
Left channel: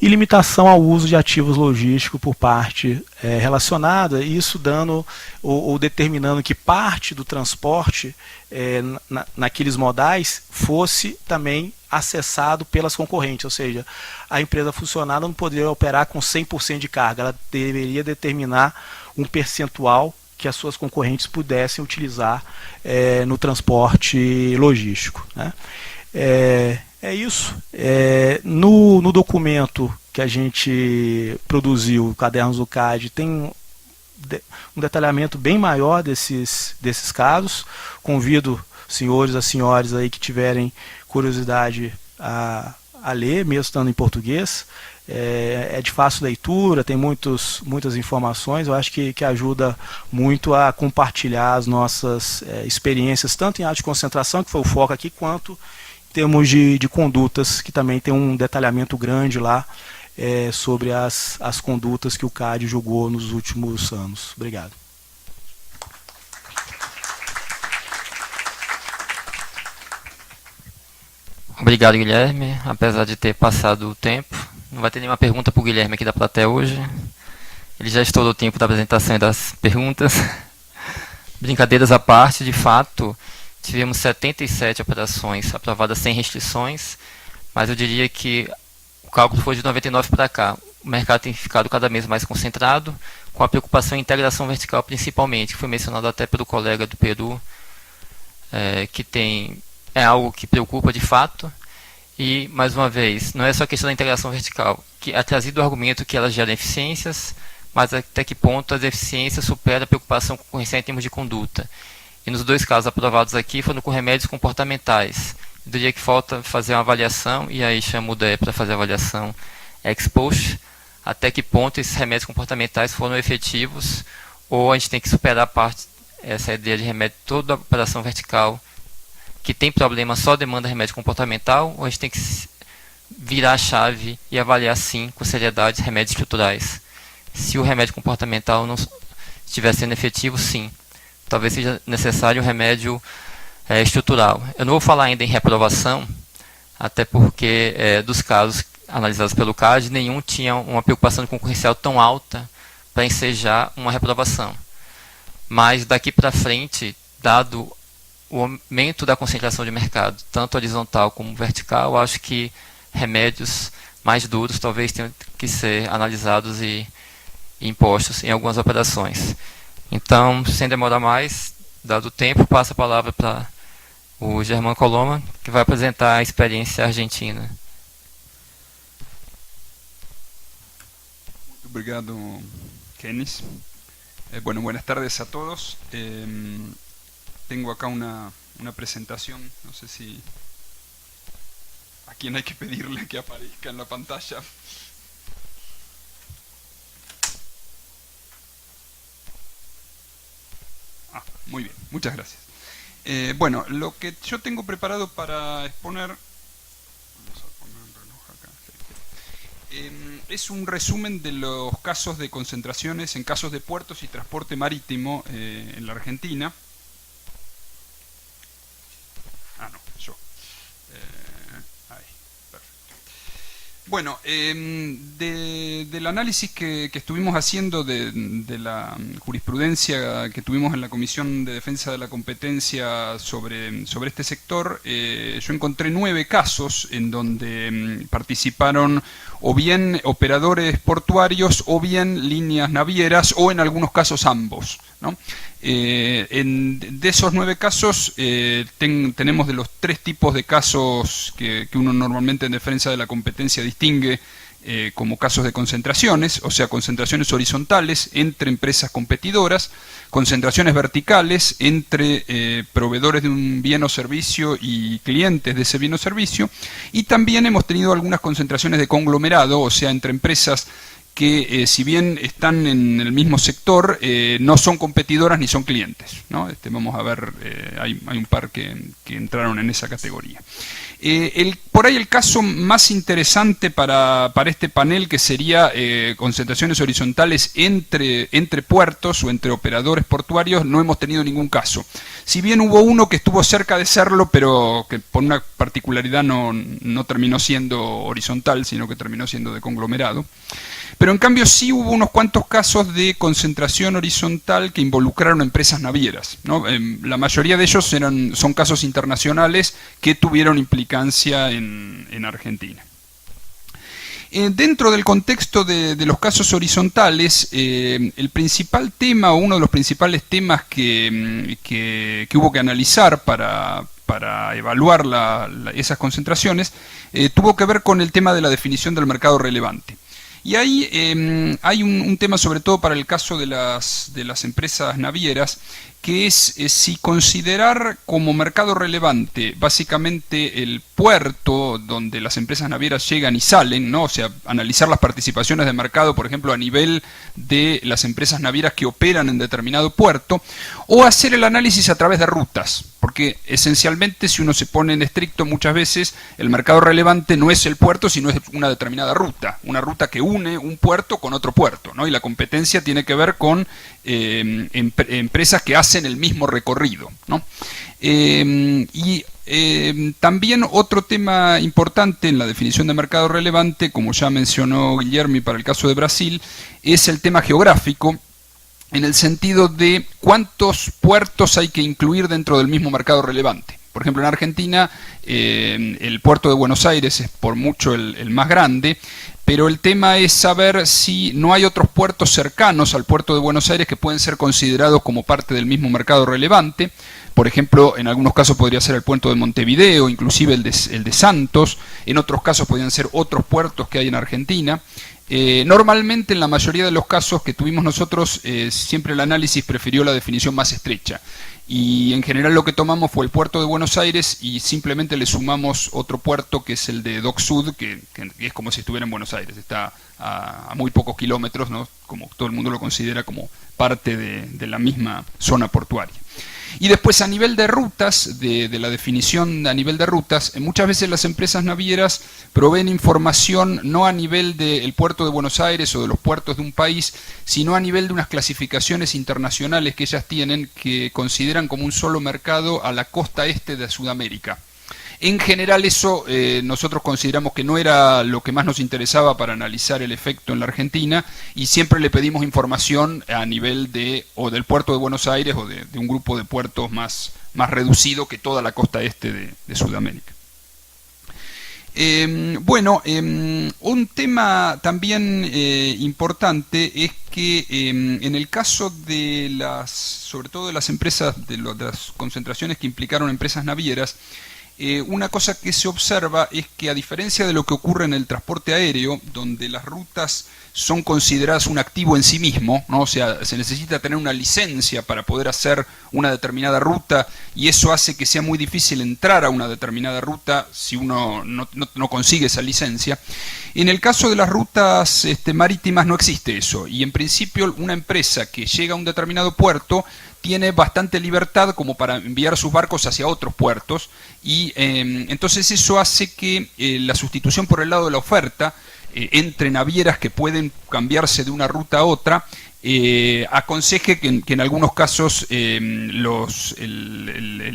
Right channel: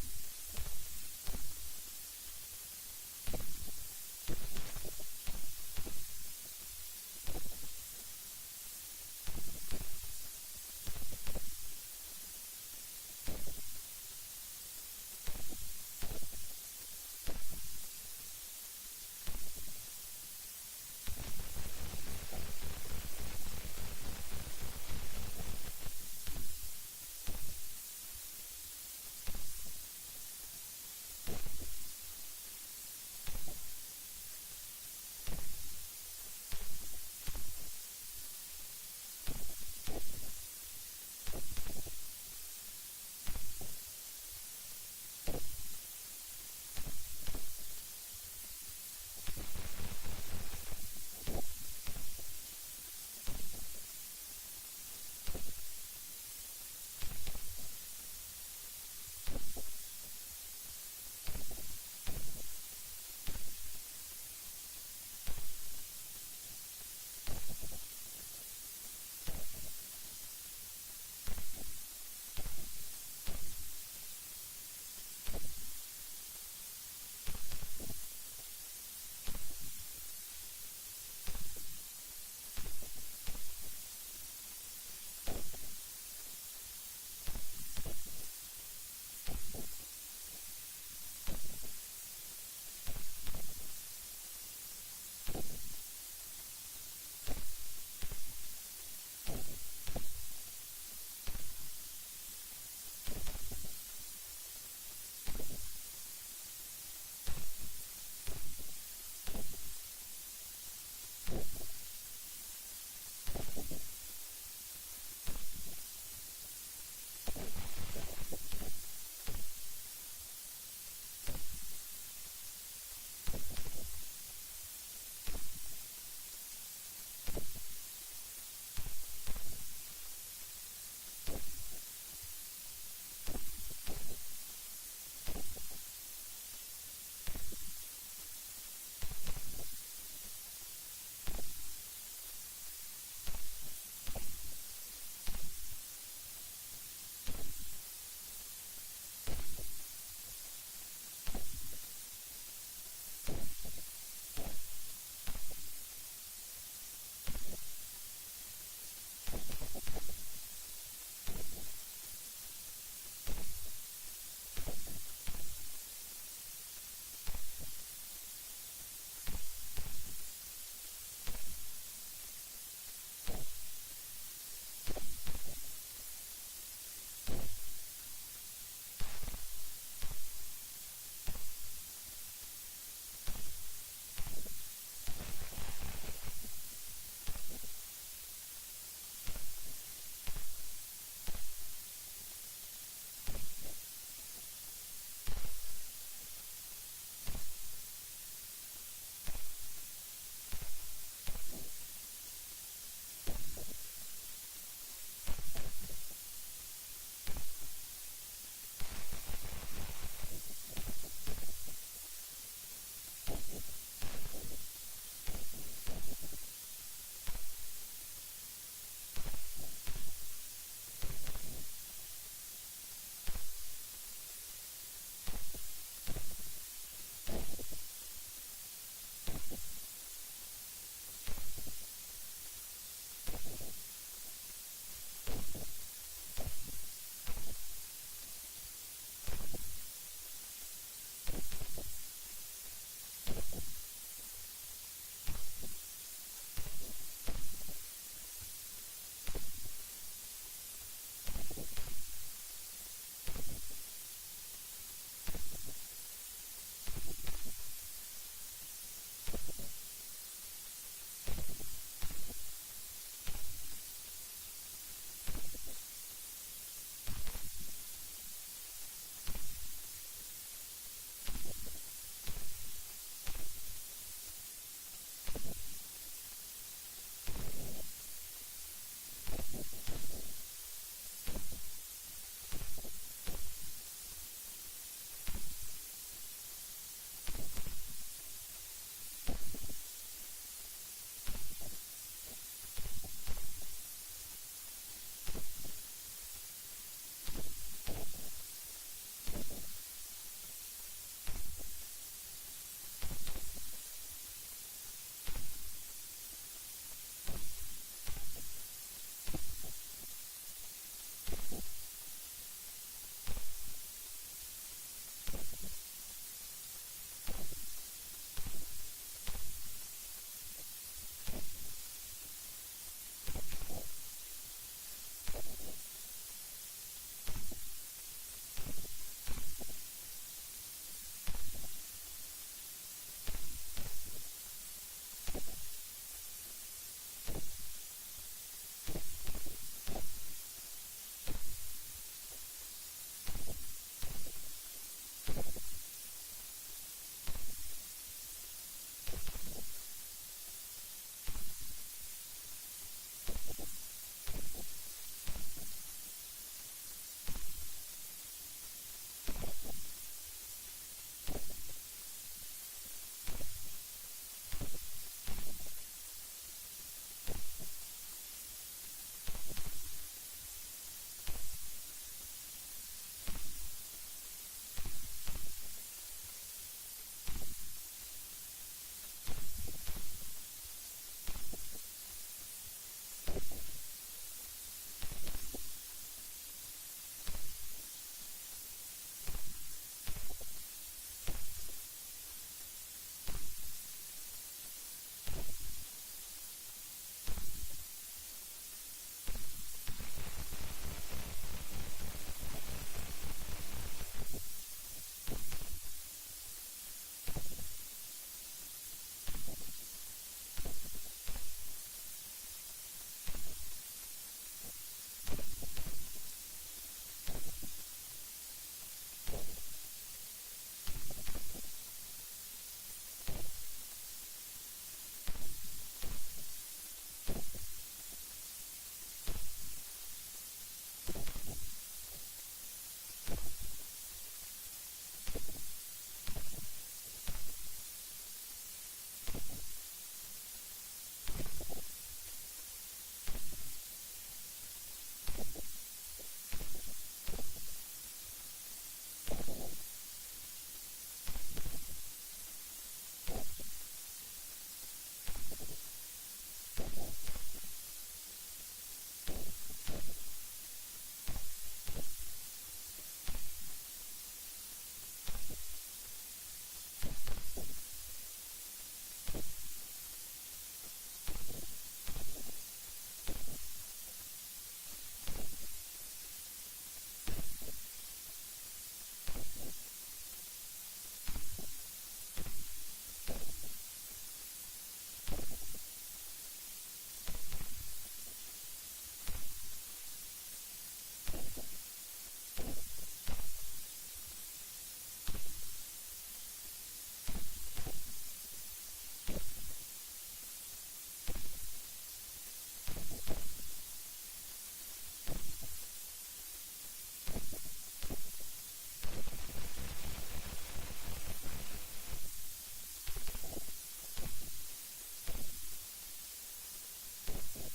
e limitação ao uso de ativos logísticos por parte relacionada, isso dando ou determinando que parte do transporte naqueles modais fosse também acessado pelas concorrentes, ou seja, a empresa funcionária não poderia operar com 100% de carga, ela deveria determinar um percentual que as suas concorrentes pudessem utilizar no transporte logístico, né? É isso. No documento que a gente produziu, Cadernos do CAD, tem um detalhamento bem maior desses casos. Convido senhores e senhoras aí que tiverem curiosidade a ler, mesmo estando em português. É de fácil leitura, tem muitas informações. Eu acho que ajuda muito a compartilhar as nossas experiências, tanto em arte de concentração, que foi o foco aqui, quanto em termos de condutas, que também tem um detalhamento grande lá sobre as condutas que o CAD julgou nos últimos anos. Obrigado. Obrigado, Guilherme. Apesar de ter passado o tempo, não vai ter nenhuma pergunta para o Guilherme aqui da plateia hoje. Ele já estourou o tempo da apresentação e das perguntas. Brincadeiras à parte, de fato, tivemos 77 operações aprovadas sem restrições, mas eu diria que o cálculo foi de 99 para cá. O mercado tem ficado cada vez mais concentrado, com a preocupação em integração vertical principalmente, que foi mencionado até pelo colega do Peru, que é algo que preocupa de fato. E, mais uma vez, não é só a questão da integração vertical, que é trazido o argumento que ela gera eficiências, mas até que ponto as eficiências superam a preocupação concorrencial em termos de conduta. E nos dois casos aprovados aqui foram com remédios comportamentais. Eu diria que falta fazer uma avaliação, e aí chamo o DE para fazer a avaliação ex post, até que ponto esses remédios comportamentais foram efetivos, ou a gente tem que superar essa ideia de remédio toda a operação vertical, que tem problema só demanda remédio comportamental, ou a gente tem que virar a chave e avaliar sim, com seriedade, remédios estruturais. Se o remédio comportamental não estiver sendo efetivo, sim. Talvez seja necessário um remédio estrutural. Eu não vou falar ainda em reprovação, até porque dos casos analisados pelo CAD, nenhum tinha uma preocupação concorrencial tão alta para ensejar uma reprovação. Mas daqui para frente, dado o aumento da concentração de mercado, tanto horizontal como vertical, eu acho que remédios mais duros talvez tenham que ser analisados e impostos em algumas operações. Então, sem demorar mais, dado o tempo, passo a palavra para o Germán Coloma, que vai apresentar a experiência argentina. Obrigado, Kenis. Bueno, buenas tardes a todos. Tengo acá una presentación, no sé si a quién hay que pedirle que aparezca en la pantalla. Muy bien, muchas gracias. Bueno, lo que yo tengo preparado para exponer es un resumen de los casos de concentraciones en casos de puertos y transporte marítimo en la Argentina. Bueno, del análisis que estuvimos haciendo de la jurisprudencia que tuvimos en la Comisión de Defensa de la Competencia sobre este sector, yo encontré 9 casos en donde participaron o bien operadores portuarios o bien líneas navieras o en algunos casos ambos, ¿no? De esos 9 casos tenemos de los 3 tipos de casos que uno normalmente en defensa de la competencia distingue como casos de concentraciones, o sea, concentraciones horizontales entre empresas competidoras, concentraciones verticales entre proveedores de un bien o servicio y clientes de ese bien o servicio, y también hemos tenido algunas concentraciones de conglomerado, o sea, entre empresas que si bien están en el mismo sector, no son competidoras ni son clientes, ¿no? Vamos a ver, hay un par que entraron en esa categoría. Por ahí el caso más interesante para este panel, que sería concentraciones horizontales entre puertos o entre operadores portuarios, no hemos tenido ningún caso. Si bien hubo uno que estuvo cerca de serlo, pero que por una particularidad no terminó siendo horizontal, sino que terminó siendo de conglomerado. Pero en cambio sí hubo unos cuantos casos de concentración horizontal que involucraron empresas navieras, ¿no? La mayoría de ellos son casos internacionales que tuvieron implicancia en Argentina. Dentro del contexto de los casos horizontales, el principal tema o uno de los principales temas que hubo que analizar para evaluar esas concentraciones tuvo que ver con el tema de la definición del mercado relevante. Y ahí hay un tema sobre todo para el caso de las empresas navieras, que es si considerar como mercado relevante básicamente el puerto donde las empresas navieras llegan y salen, ¿no? O sea, analizar las participaciones de mercado, por ejemplo, a nivel de las empresas navieras que operan en determinado puerto, o hacer el análisis a través de rutas, porque esencialmente, si uno se pone en estricto, muchas veces el mercado relevante no es el puerto, sino es una determinada ruta, una ruta que une un puerto con otro puerto, ¿no? Y la competencia tiene que ver con empresas que hacen el mismo recorrido, ¿no? También otro tema importante en la definición de mercado relevante, como ya mencionó Guillermo para el caso de Brasil, es el tema geográfico, en el sentido de cuántos puertos hay que incluir dentro del mismo mercado relevante. Por ejemplo, en Argentina el puerto de Buenos Aires es por mucho el más grande, pero el tema es saber si no hay otros puertos cercanos al puerto de Buenos Aires que pueden ser considerados como parte del mismo mercado relevante. Por ejemplo, en algunos casos podría ser el puerto de Montevideo, inclusive el de Santos. En otros casos podrían ser otros puertos que hay en Argentina. Normalmente, en la mayoría de los casos que tuvimos nosotros, siempre el análisis prefirió la definición más estrecha. Y en general lo que tomamos fue el puerto de Buenos Aires y simplemente le sumamos otro puerto que es el de Dock Sud, que es como si estuviera en Buenos Aires, está a muy pocos kilómetros, ¿no? Como todo el mundo lo considera como parte de la misma zona portuaria. Y después, a nivel de rutas, de la definición a nivel de rutas, muchas veces las empresas navieras proveen información no a nivel del puerto de Buenos Aires o de los puertos de un país, sino a nivel de unas clasificaciones internacionales que ellas tienen, que consideran como un solo mercado a la costa este de Sudamérica. En general eso nosotros consideramos que no era lo que más nos interesaba para analizar el efecto en la Argentina, y siempre le pedimos información a nivel o del puerto de Buenos Aires o de un grupo de puertos más reducido que toda la costa este de Sudamérica. Bueno, un tema también importante es que en el caso de sobre todo de las empresas, de las concentraciones que implicaron empresas navieras, una cosa que se observa es que, a diferencia de lo que ocurre en el transporte aéreo, donde las rutas son consideradas un activo en sí mismo, ¿no? O sea, se necesita tener una licencia para poder hacer una determinada ruta, y eso hace que sea muy difícil entrar a una determinada ruta si uno no consigue esa licencia. En el caso de las rutas marítimas no existe eso, y en principio una empresa que llega a un determinado puerto tiene bastante libertad como para enviar sus barcos hacia otros puertos, y entonces eso hace que la sustitución por el lado de la oferta entre navieras que pueden cambiarse de una ruta a otra aconseje que en algunos casos el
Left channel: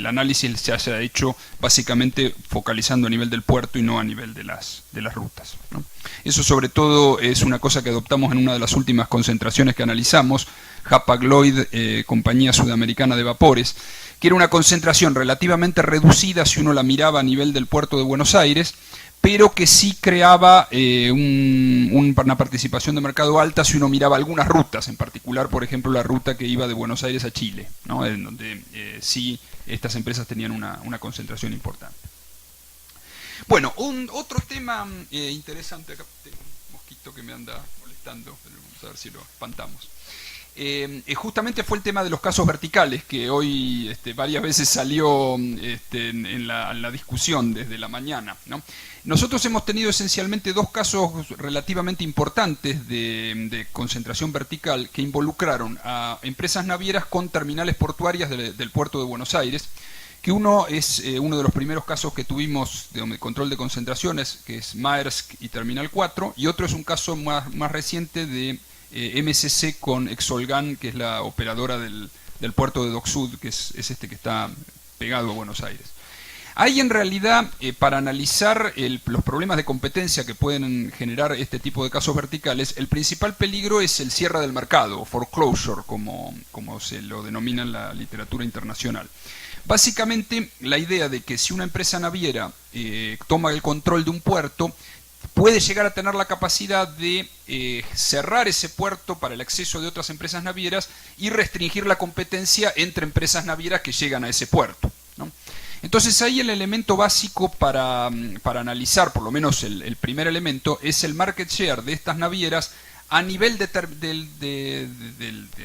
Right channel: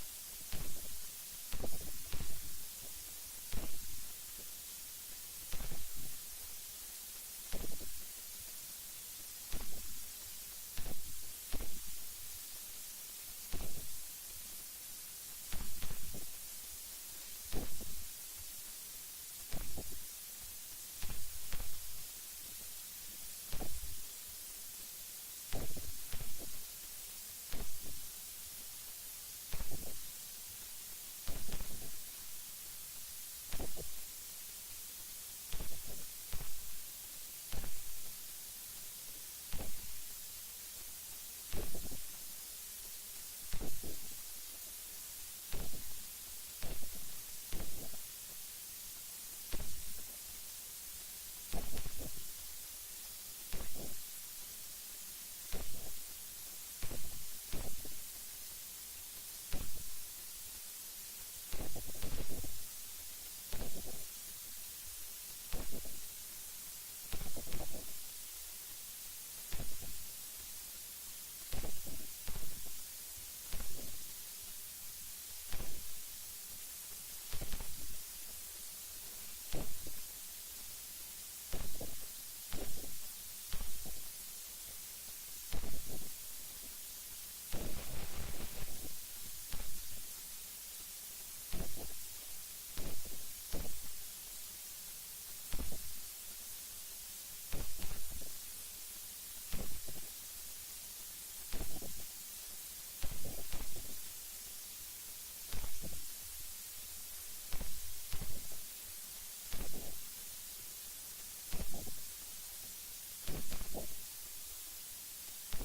análisis se haya hecho básicamente focalizando a nivel del puerto y no a nivel de las rutas, ¿no? Eso sobre todo es una cosa que adoptamos en una de las últimas concentraciones que analizamos, Hapag-Lloyd, compañía sudamericana de vapores, que era una concentración relativamente reducida si uno la miraba a nivel del puerto de Buenos Aires, pero que sí creaba una participación de mercado alta si uno miraba algunas rutas, en particular, por ejemplo, la ruta que iba de Buenos Aires a Chile, ¿no? En donde sí estas empresas tenían una concentración importante. Bueno, otro tema interesante, acá tengo un mosquito que me anda molestando, vamos a ver si lo espantamos. Justamente fue el tema de los casos verticales, que hoy varias veces salió en la discusión desde la mañana, ¿no? Nosotros hemos tenido esencialmente dos casos relativamente importantes de concentración vertical que involucraron a empresas navieras con terminales portuarias del puerto de Buenos Aires, que uno es uno de los primeros casos que tuvimos de control de concentraciones, que es Maersk y Terminal 4, y otro es un caso más reciente de MSC con Exolgan, que es la operadora del puerto de Dock Sud, que es que está pegado a Buenos Aires. Hay en realidad, para analizar los problemas de competencia que pueden generar este tipo de casos verticales, el principal peligro es el cierre del mercado, o foreclosure, como se lo denomina en la literatura internacional. Básicamente, la idea de que si una empresa naviera toma el control de un puerto, puede llegar a tener la capacidad de cerrar ese puerto para el acceso de otras empresas navieras y restringir la competencia entre empresas navieras que llegan a ese puerto, ¿no? Entonces ahí el elemento básico para analizar, por lo menos el primer elemento, es el market share de estas navieras a nivel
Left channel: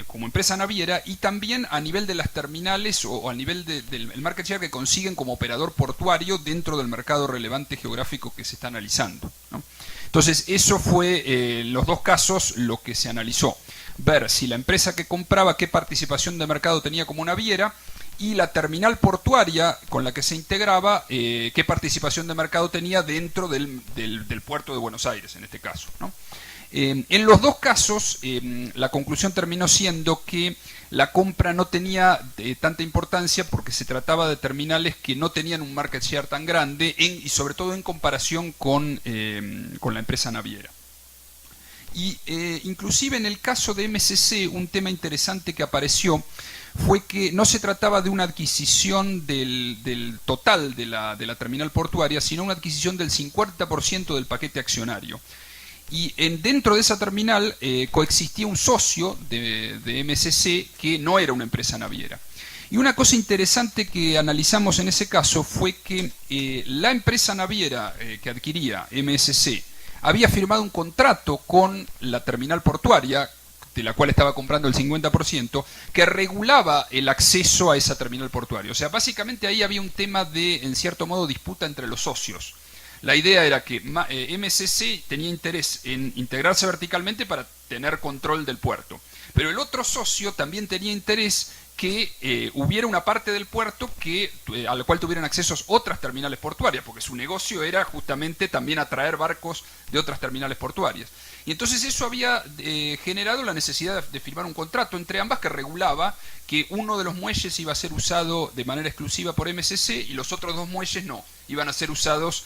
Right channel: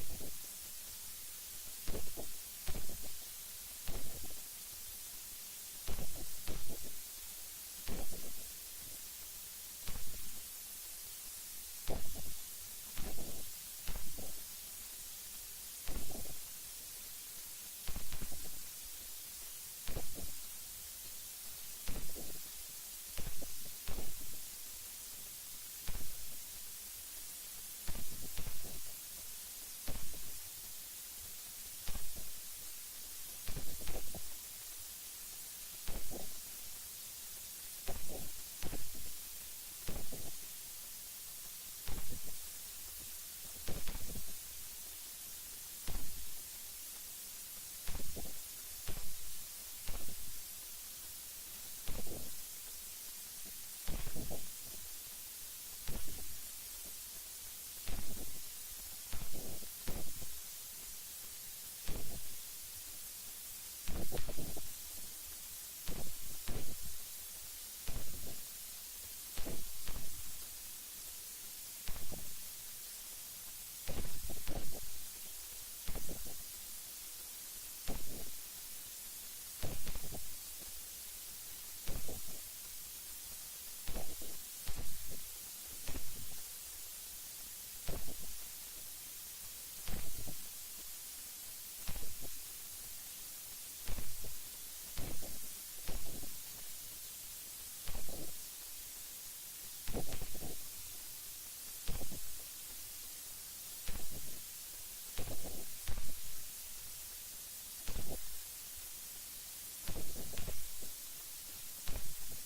como empresa naviera, y también a nivel de las terminales o a nivel del market share que consiguen como operador portuario dentro del mercado relevante geográfico que se está analizando, ¿no? Entonces eso fue los dos casos lo que se analizó. Ver si la empresa que compraba qué participación de mercado tenía como naviera, y la terminal portuaria con la que se integraba qué participación de mercado tenía dentro del puerto de Buenos Aires, en este caso, ¿no? En los dos casos la conclusión terminó siendo que la compra no tenía tanta importancia porque se trataba de terminales que no tenían un market share tan grande y sobre todo en comparación con la empresa naviera. Y inclusive en el caso de MSC, un tema interesante que apareció fue que no se trataba de una adquisición del total de la terminal portuaria, sino una adquisición del 50% del paquete accionario. Y dentro de esa terminal coexistía un socio de MSC que no era una empresa naviera. Y una cosa interesante que analizamos en ese caso fue que la empresa naviera que adquiría MSC había firmado un contrato con la terminal portuaria, de la cual estaba comprando el 50%, que regulaba el acceso a esa terminal portuaria. O sea, básicamente ahí había un tema de, en cierto modo, disputa entre los socios. La idea era que MSC tenía interés en integrarse verticalmente para tener control del puerto, pero el otro socio también tenía interés que hubiera una parte del puerto a la cual tuvieran accesos otras terminales portuarias, porque su negocio era justamente también atraer barcos de otras terminales portuarias. Y entonces eso había generado la necesidad de firmar un contrato entre ambas que regulaba que uno de los muelles iba a ser usado de manera exclusiva por MSC y los otros dos muelles no, iban a ser usados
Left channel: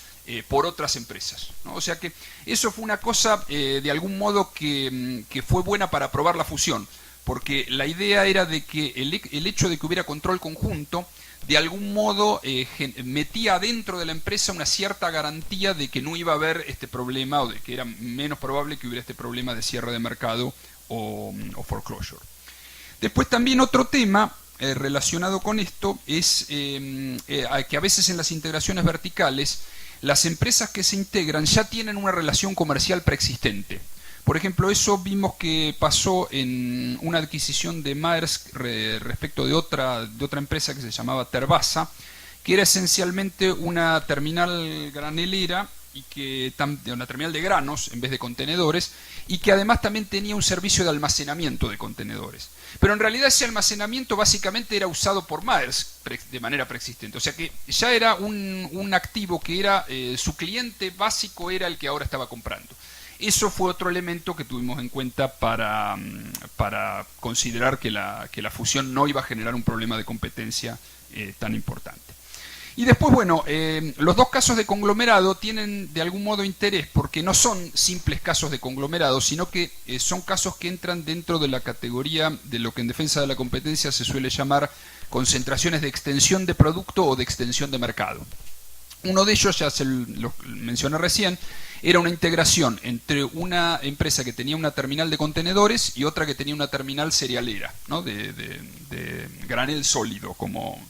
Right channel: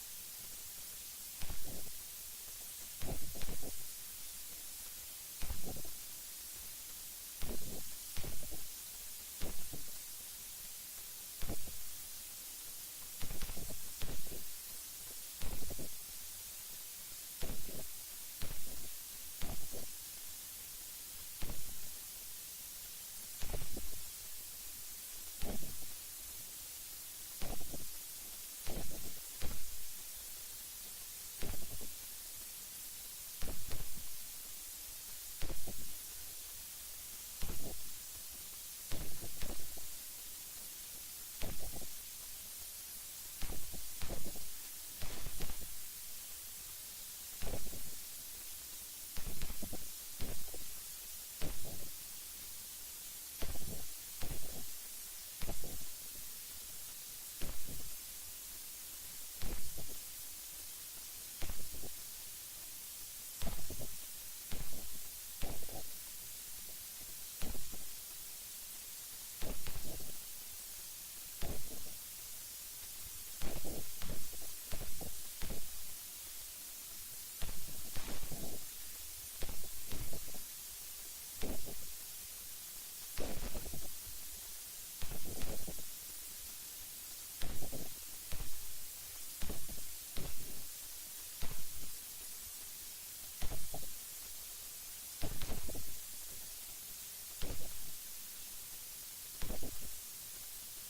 por otras empresas, ¿no? O sea que eso fue una cosa de algún modo que fue buena para aprobar la fusión, porque la idea era de que el hecho de que hubiera control conjunto de algún modo metía dentro de la empresa una cierta garantía de que no iba a haber este problema, o de que era menos probable que hubiera este problema de cierre de mercado o foreclosure. Después también otro tema relacionado con esto es que a veces en las integraciones verticales las empresas que se integran ya tienen una relación comercial preexistente. Por ejemplo, eso vimos que pasó en una adquisición de Maersk respecto de otra empresa que se llamaba Terbasa, que era esencialmente una terminal granelera, una terminal de granos en vez de contenedores, y que además también tenía un servicio de almacenamiento de contenedores. Pero en realidad ese almacenamiento básicamente era usado por Maersk de manera preexistente. O sea que ya era un activo que era su cliente básico, era el que ahora estaba comprando. Eso fue otro elemento que tuvimos en cuenta para considerar que la fusión no iba a generar un problema de competencia tan importante. Y después, bueno, los dos casos de conglomerado tienen de algún modo interés porque no son simples casos de conglomerado, sino que son casos que entran dentro de la categoría de lo que en defensa de la competencia se suele llamar concentraciones de extensión de producto o de extensión de mercado. Uno de ellos, ya se lo mencioné recién, era una integración entre una empresa que tenía una terminal de contenedores y otra que tenía una terminal cerealera, ¿no? de granel sólido, como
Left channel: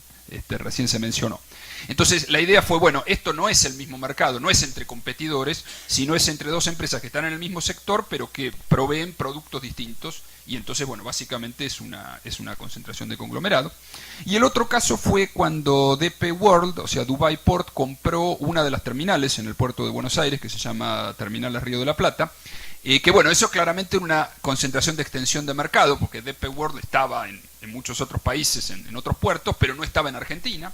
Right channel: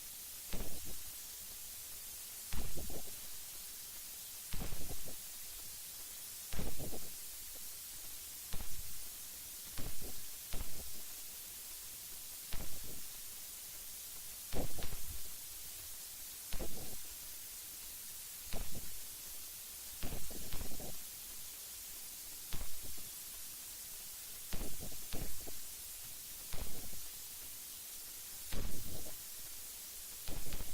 recién se mencionó. Entonces la idea fue, bueno, esto no es el mismo mercado, no es entre competidores, sino es entre dos empresas que están en el mismo sector, pero que proveen productos distintos, y entonces, bueno, básicamente es una concentración de conglomerado. Y el otro caso fue cuando DP World, o sea, Dubai Port, compró una de las terminales en el puerto de Buenos Aires, que se llama Terminales Río de la Plata, que bueno, eso claramente era una concentración de extensión de mercado, porque DP World estaba en muchos otros países, en otros puertos, pero no estaba en Argentina.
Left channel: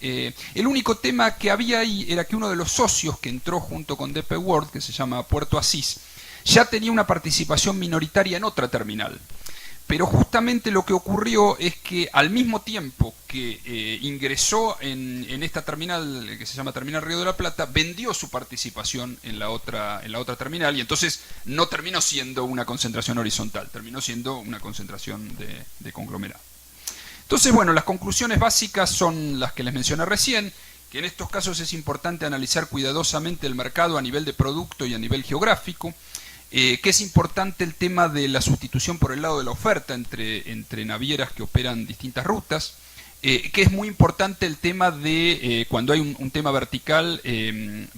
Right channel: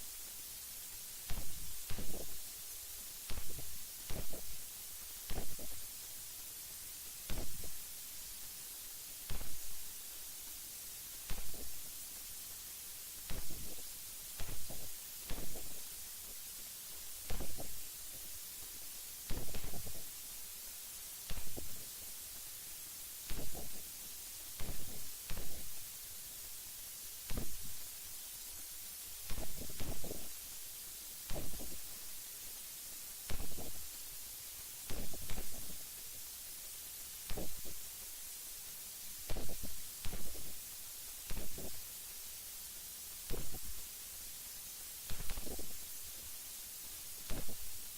El único tema que había ahí era que uno de los socios que entró junto con DP World, que se llama Puerto Asís, ya tenía una participación minoritaria en otra terminal. Pero justamente lo que ocurrió es que al mismo tiempo que ingresó en esta terminal, que se llama Terminal Río de la Plata, vendió su participación en la otra terminal, y entonces no terminó siendo una concentración horizontal, terminó siendo una concentración de conglomerado. Entonces, bueno, las conclusiones básicas son las que les mencioné recién, que en estos casos es importante analizar cuidadosamente el mercado a nivel de producto y a nivel geográfico, que es importante el tema de la sustitución por el lado de la oferta entre navieras que operan distintas rutas, que es muy importante el tema de, cuando hay un tema vertical,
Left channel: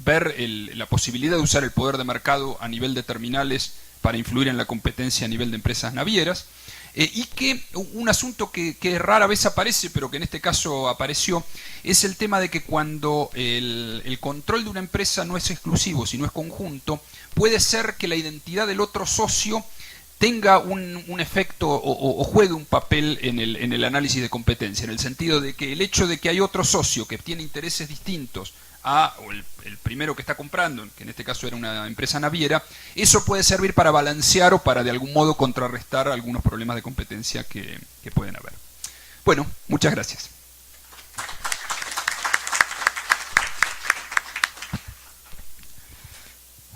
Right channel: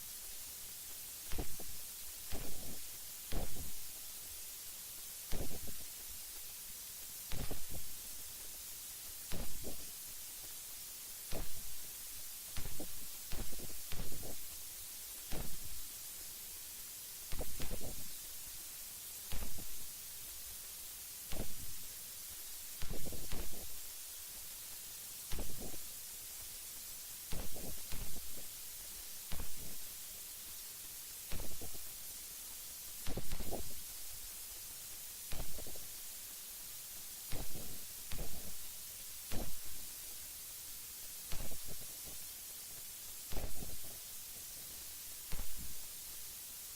ver la posibilidad de usar el poder de mercado a nivel de terminales para influir en la competencia a nivel de empresas navieras. Y que un asunto que rara vez aparece, pero que en este caso apareció, es el tema de que cuando el control de una empresa no es exclusivo, sino es conjunto, puede ser que la identidad del otro socio tenga un efecto o juegue un papel en el análisis de competencia, en el sentido de que el hecho de que hay otro socio que tiene intereses distintos o el primero que está comprando, que en este caso era una empresa naviera, eso puede servir para balancear o para de algún modo contrarrestar algunos problemas de competencia que pueden haber. Bueno, muchas gracias.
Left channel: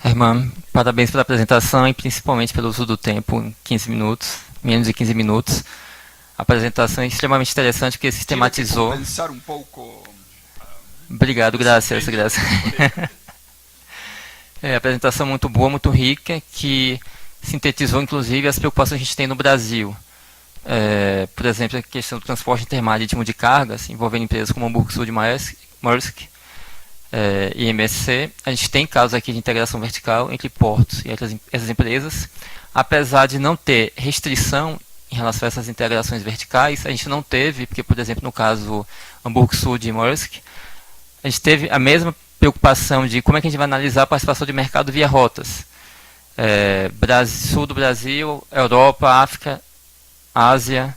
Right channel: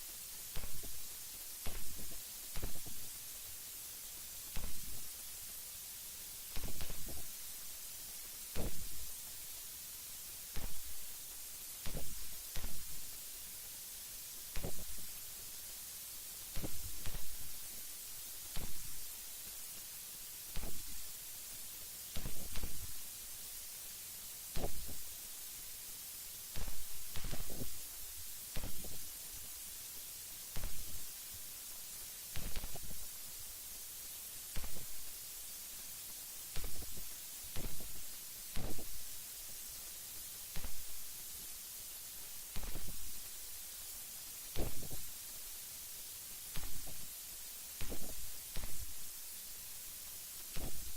Herman, parabéns pela apresentação e principalmente pelo uso do tempo em 15 minutos, menos de 15 minutos. A apresentação é extremamente interessante porque sistematizou... Pensar um pouco... Obrigado, graças. A apresentação muito boa, muito rica, que sintetizou inclusive as preocupações que a gente tem no Brasil. Por exemplo, a questão do transporte intermarítimo de cargas, envolvendo empresas como Hamburgo Sul de Maersk e MSC. A gente tem casos aqui de integração vertical entre portos e essas empresas. Apesar de não ter restrição em relação a essas integrações verticais, a gente não teve, porque, por exemplo, no caso Hamburgo Sul de Maersk, a gente teve a mesma preocupação de como é que a gente vai analisar a participação de mercado via rotas. Sul do Brasil, Europa, África, Ásia,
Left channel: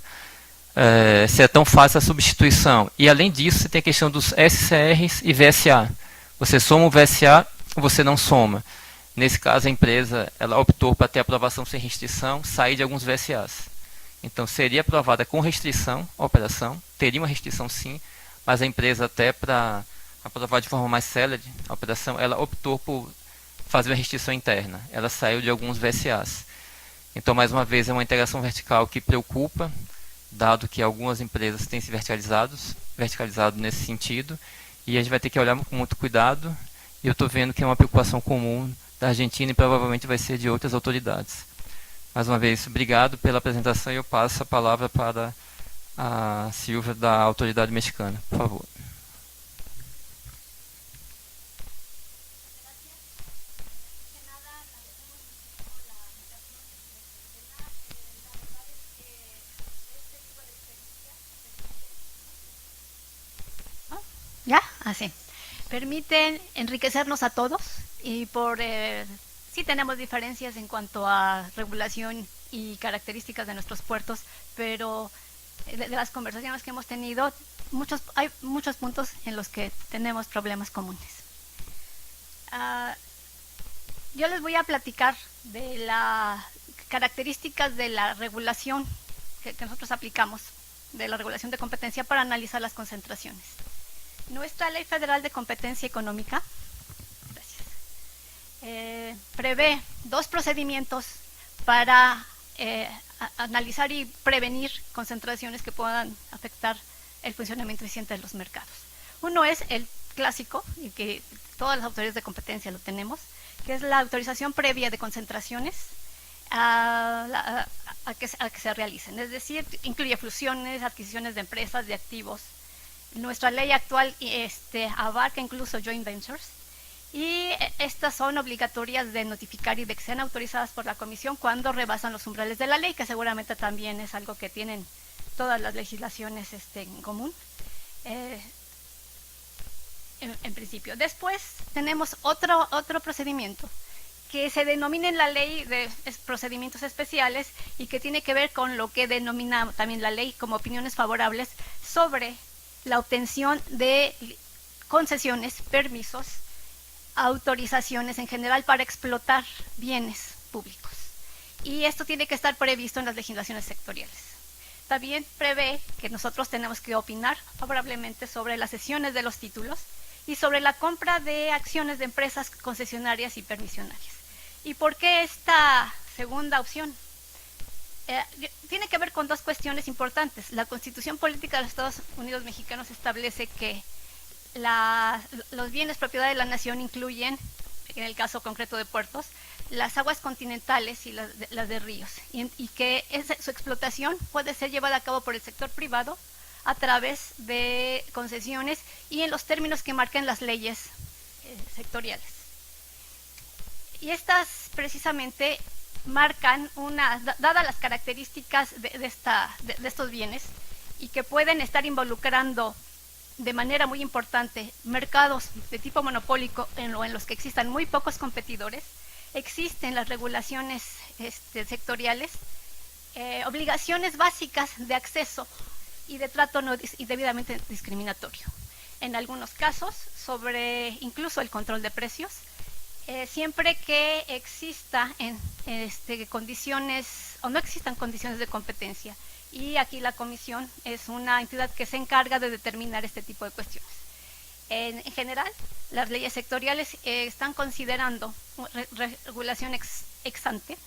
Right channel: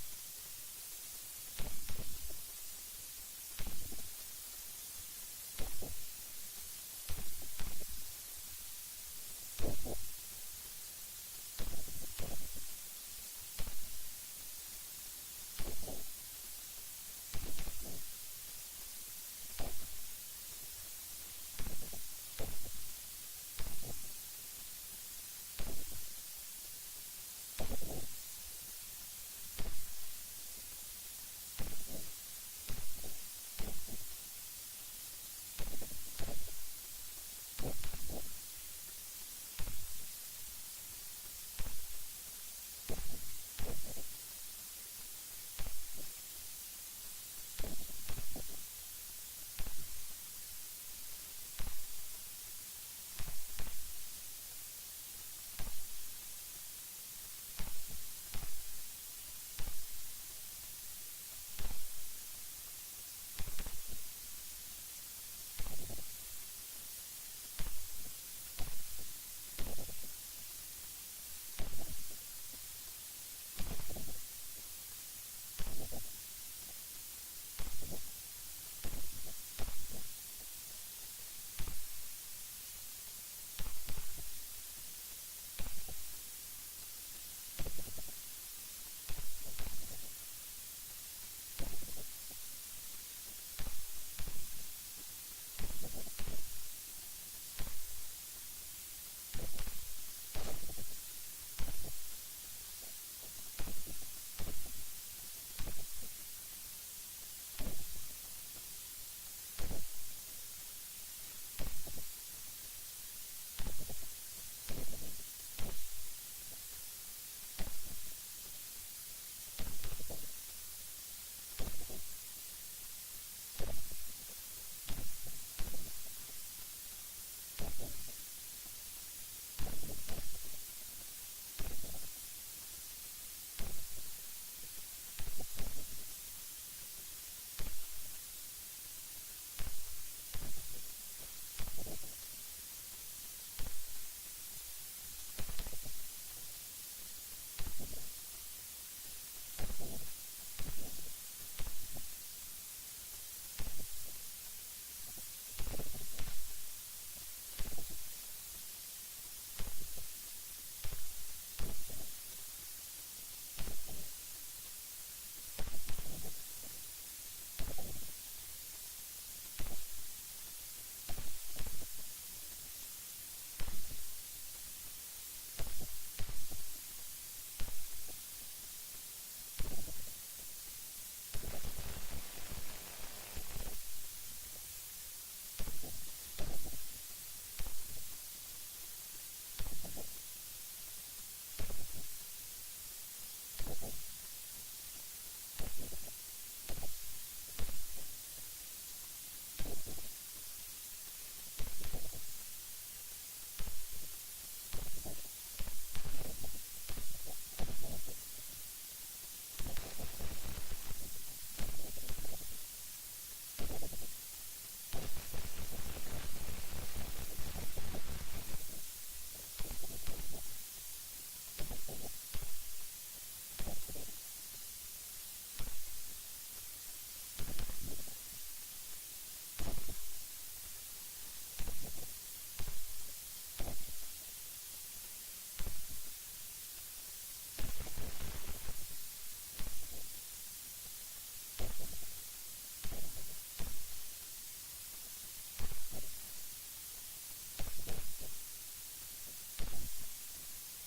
se é tão fácil a substituição. E além disso, você tem a questão dos SCRs e VSA. Você soma o VSA ou você não soma. Nesse caso, a empresa ela optou para ter aprovação sem restrição, sair de alguns VSAs. Então, seria aprovada com restrição a operação, teria uma restrição sim, mas a empresa até para aprovar de forma mais célere a operação, ela optou por fazer uma restrição interna. Ela saiu de alguns VSAs. Então, mais uma vez, é uma integração vertical que preocupa dado que algumas empresas têm se verticalizado nesse sentido, e a gente vai ter que olhar com muito cuidado, e eu estou vendo que é uma preocupação comum da Argentina e provavelmente vai ser de outras autoridades. Mais uma vez, obrigado pela apresentação e eu passo a palavra para a Silvia da autoridade mexicana, por favor. ¿Ya? Así. Permiten enriquecernos a todos y sí tenemos diferencias en cuanto a regulación y características de nuestros puertos, pero de las conversaciones que hemos tenido, hay muchos puntos en los que tenemos problemas comunes. Yo les voy a platicar de las características de la regulación que nosotros aplicamos, de la regulación de competencia para analizar las concentraciones. Nuestra Ley Federal de Competencia Económica prevé 2 procedimientos para analizar y prevenir concentraciones que puedan afectar el funcionamiento eficiente de los mercados. Uno es el clásico, y que todas las autoridades de competencia lo tenemos, que es la autorización previa de concentraciones a que se realicen. Es decir, incluye fusiones, adquisiciones de empresas, de activos. Nuestra ley actual abarca incluso joint ventures, y estas son obligatorias de notificar y de que sean autorizadas por la Comisión cuando rebasan los umbrales de la ley, que seguramente también es algo que tienen todas las legislaciones en común, en principio. Después tenemos otro procedimiento que se denomina en la ley de procedimientos especiales y que tiene que ver con lo que denomina también la ley como opiniones favorables sobre la obtención de concesiones, permisos, autorizaciones en general para explotar bienes públicos. Y esto tiene que estar previsto en las legislaciones sectoriales. También prevé que nosotros tenemos que opinar favorablemente sobre las cesiones de los títulos y sobre la compra de acciones de empresas concesionarias y permisionarias. ¿Y por qué esta segunda opción? Tiene que ver con 2 cuestiones importantes. La Constitución Política de los Estados Unidos Mexicanos establece que los bienes propiedad de la nación incluyen, en el caso concreto de puertos, las aguas continentales y las de ríos, y que su explotación puede ser llevada a cabo por el sector privado a través de concesiones y en los términos que marquen las leyes sectoriales. Y estas precisamente marcan dadas las características de estos bienes, y que pueden estar involucrando de manera muy importante mercados de tipo monopólico en los que existan muy pocos competidores, existen las regulaciones sectoriales, obligaciones básicas de acceso y de trato no debidamente discriminatorio. En algunos casos, sobre incluso el control de precios, siempre que exista condiciones o no existan condiciones de competencia. Y aquí la Comisión es una entidad que se encarga de determinar este tipo de cuestiones. En general, las leyes sectoriales están considerando regulación ex ante,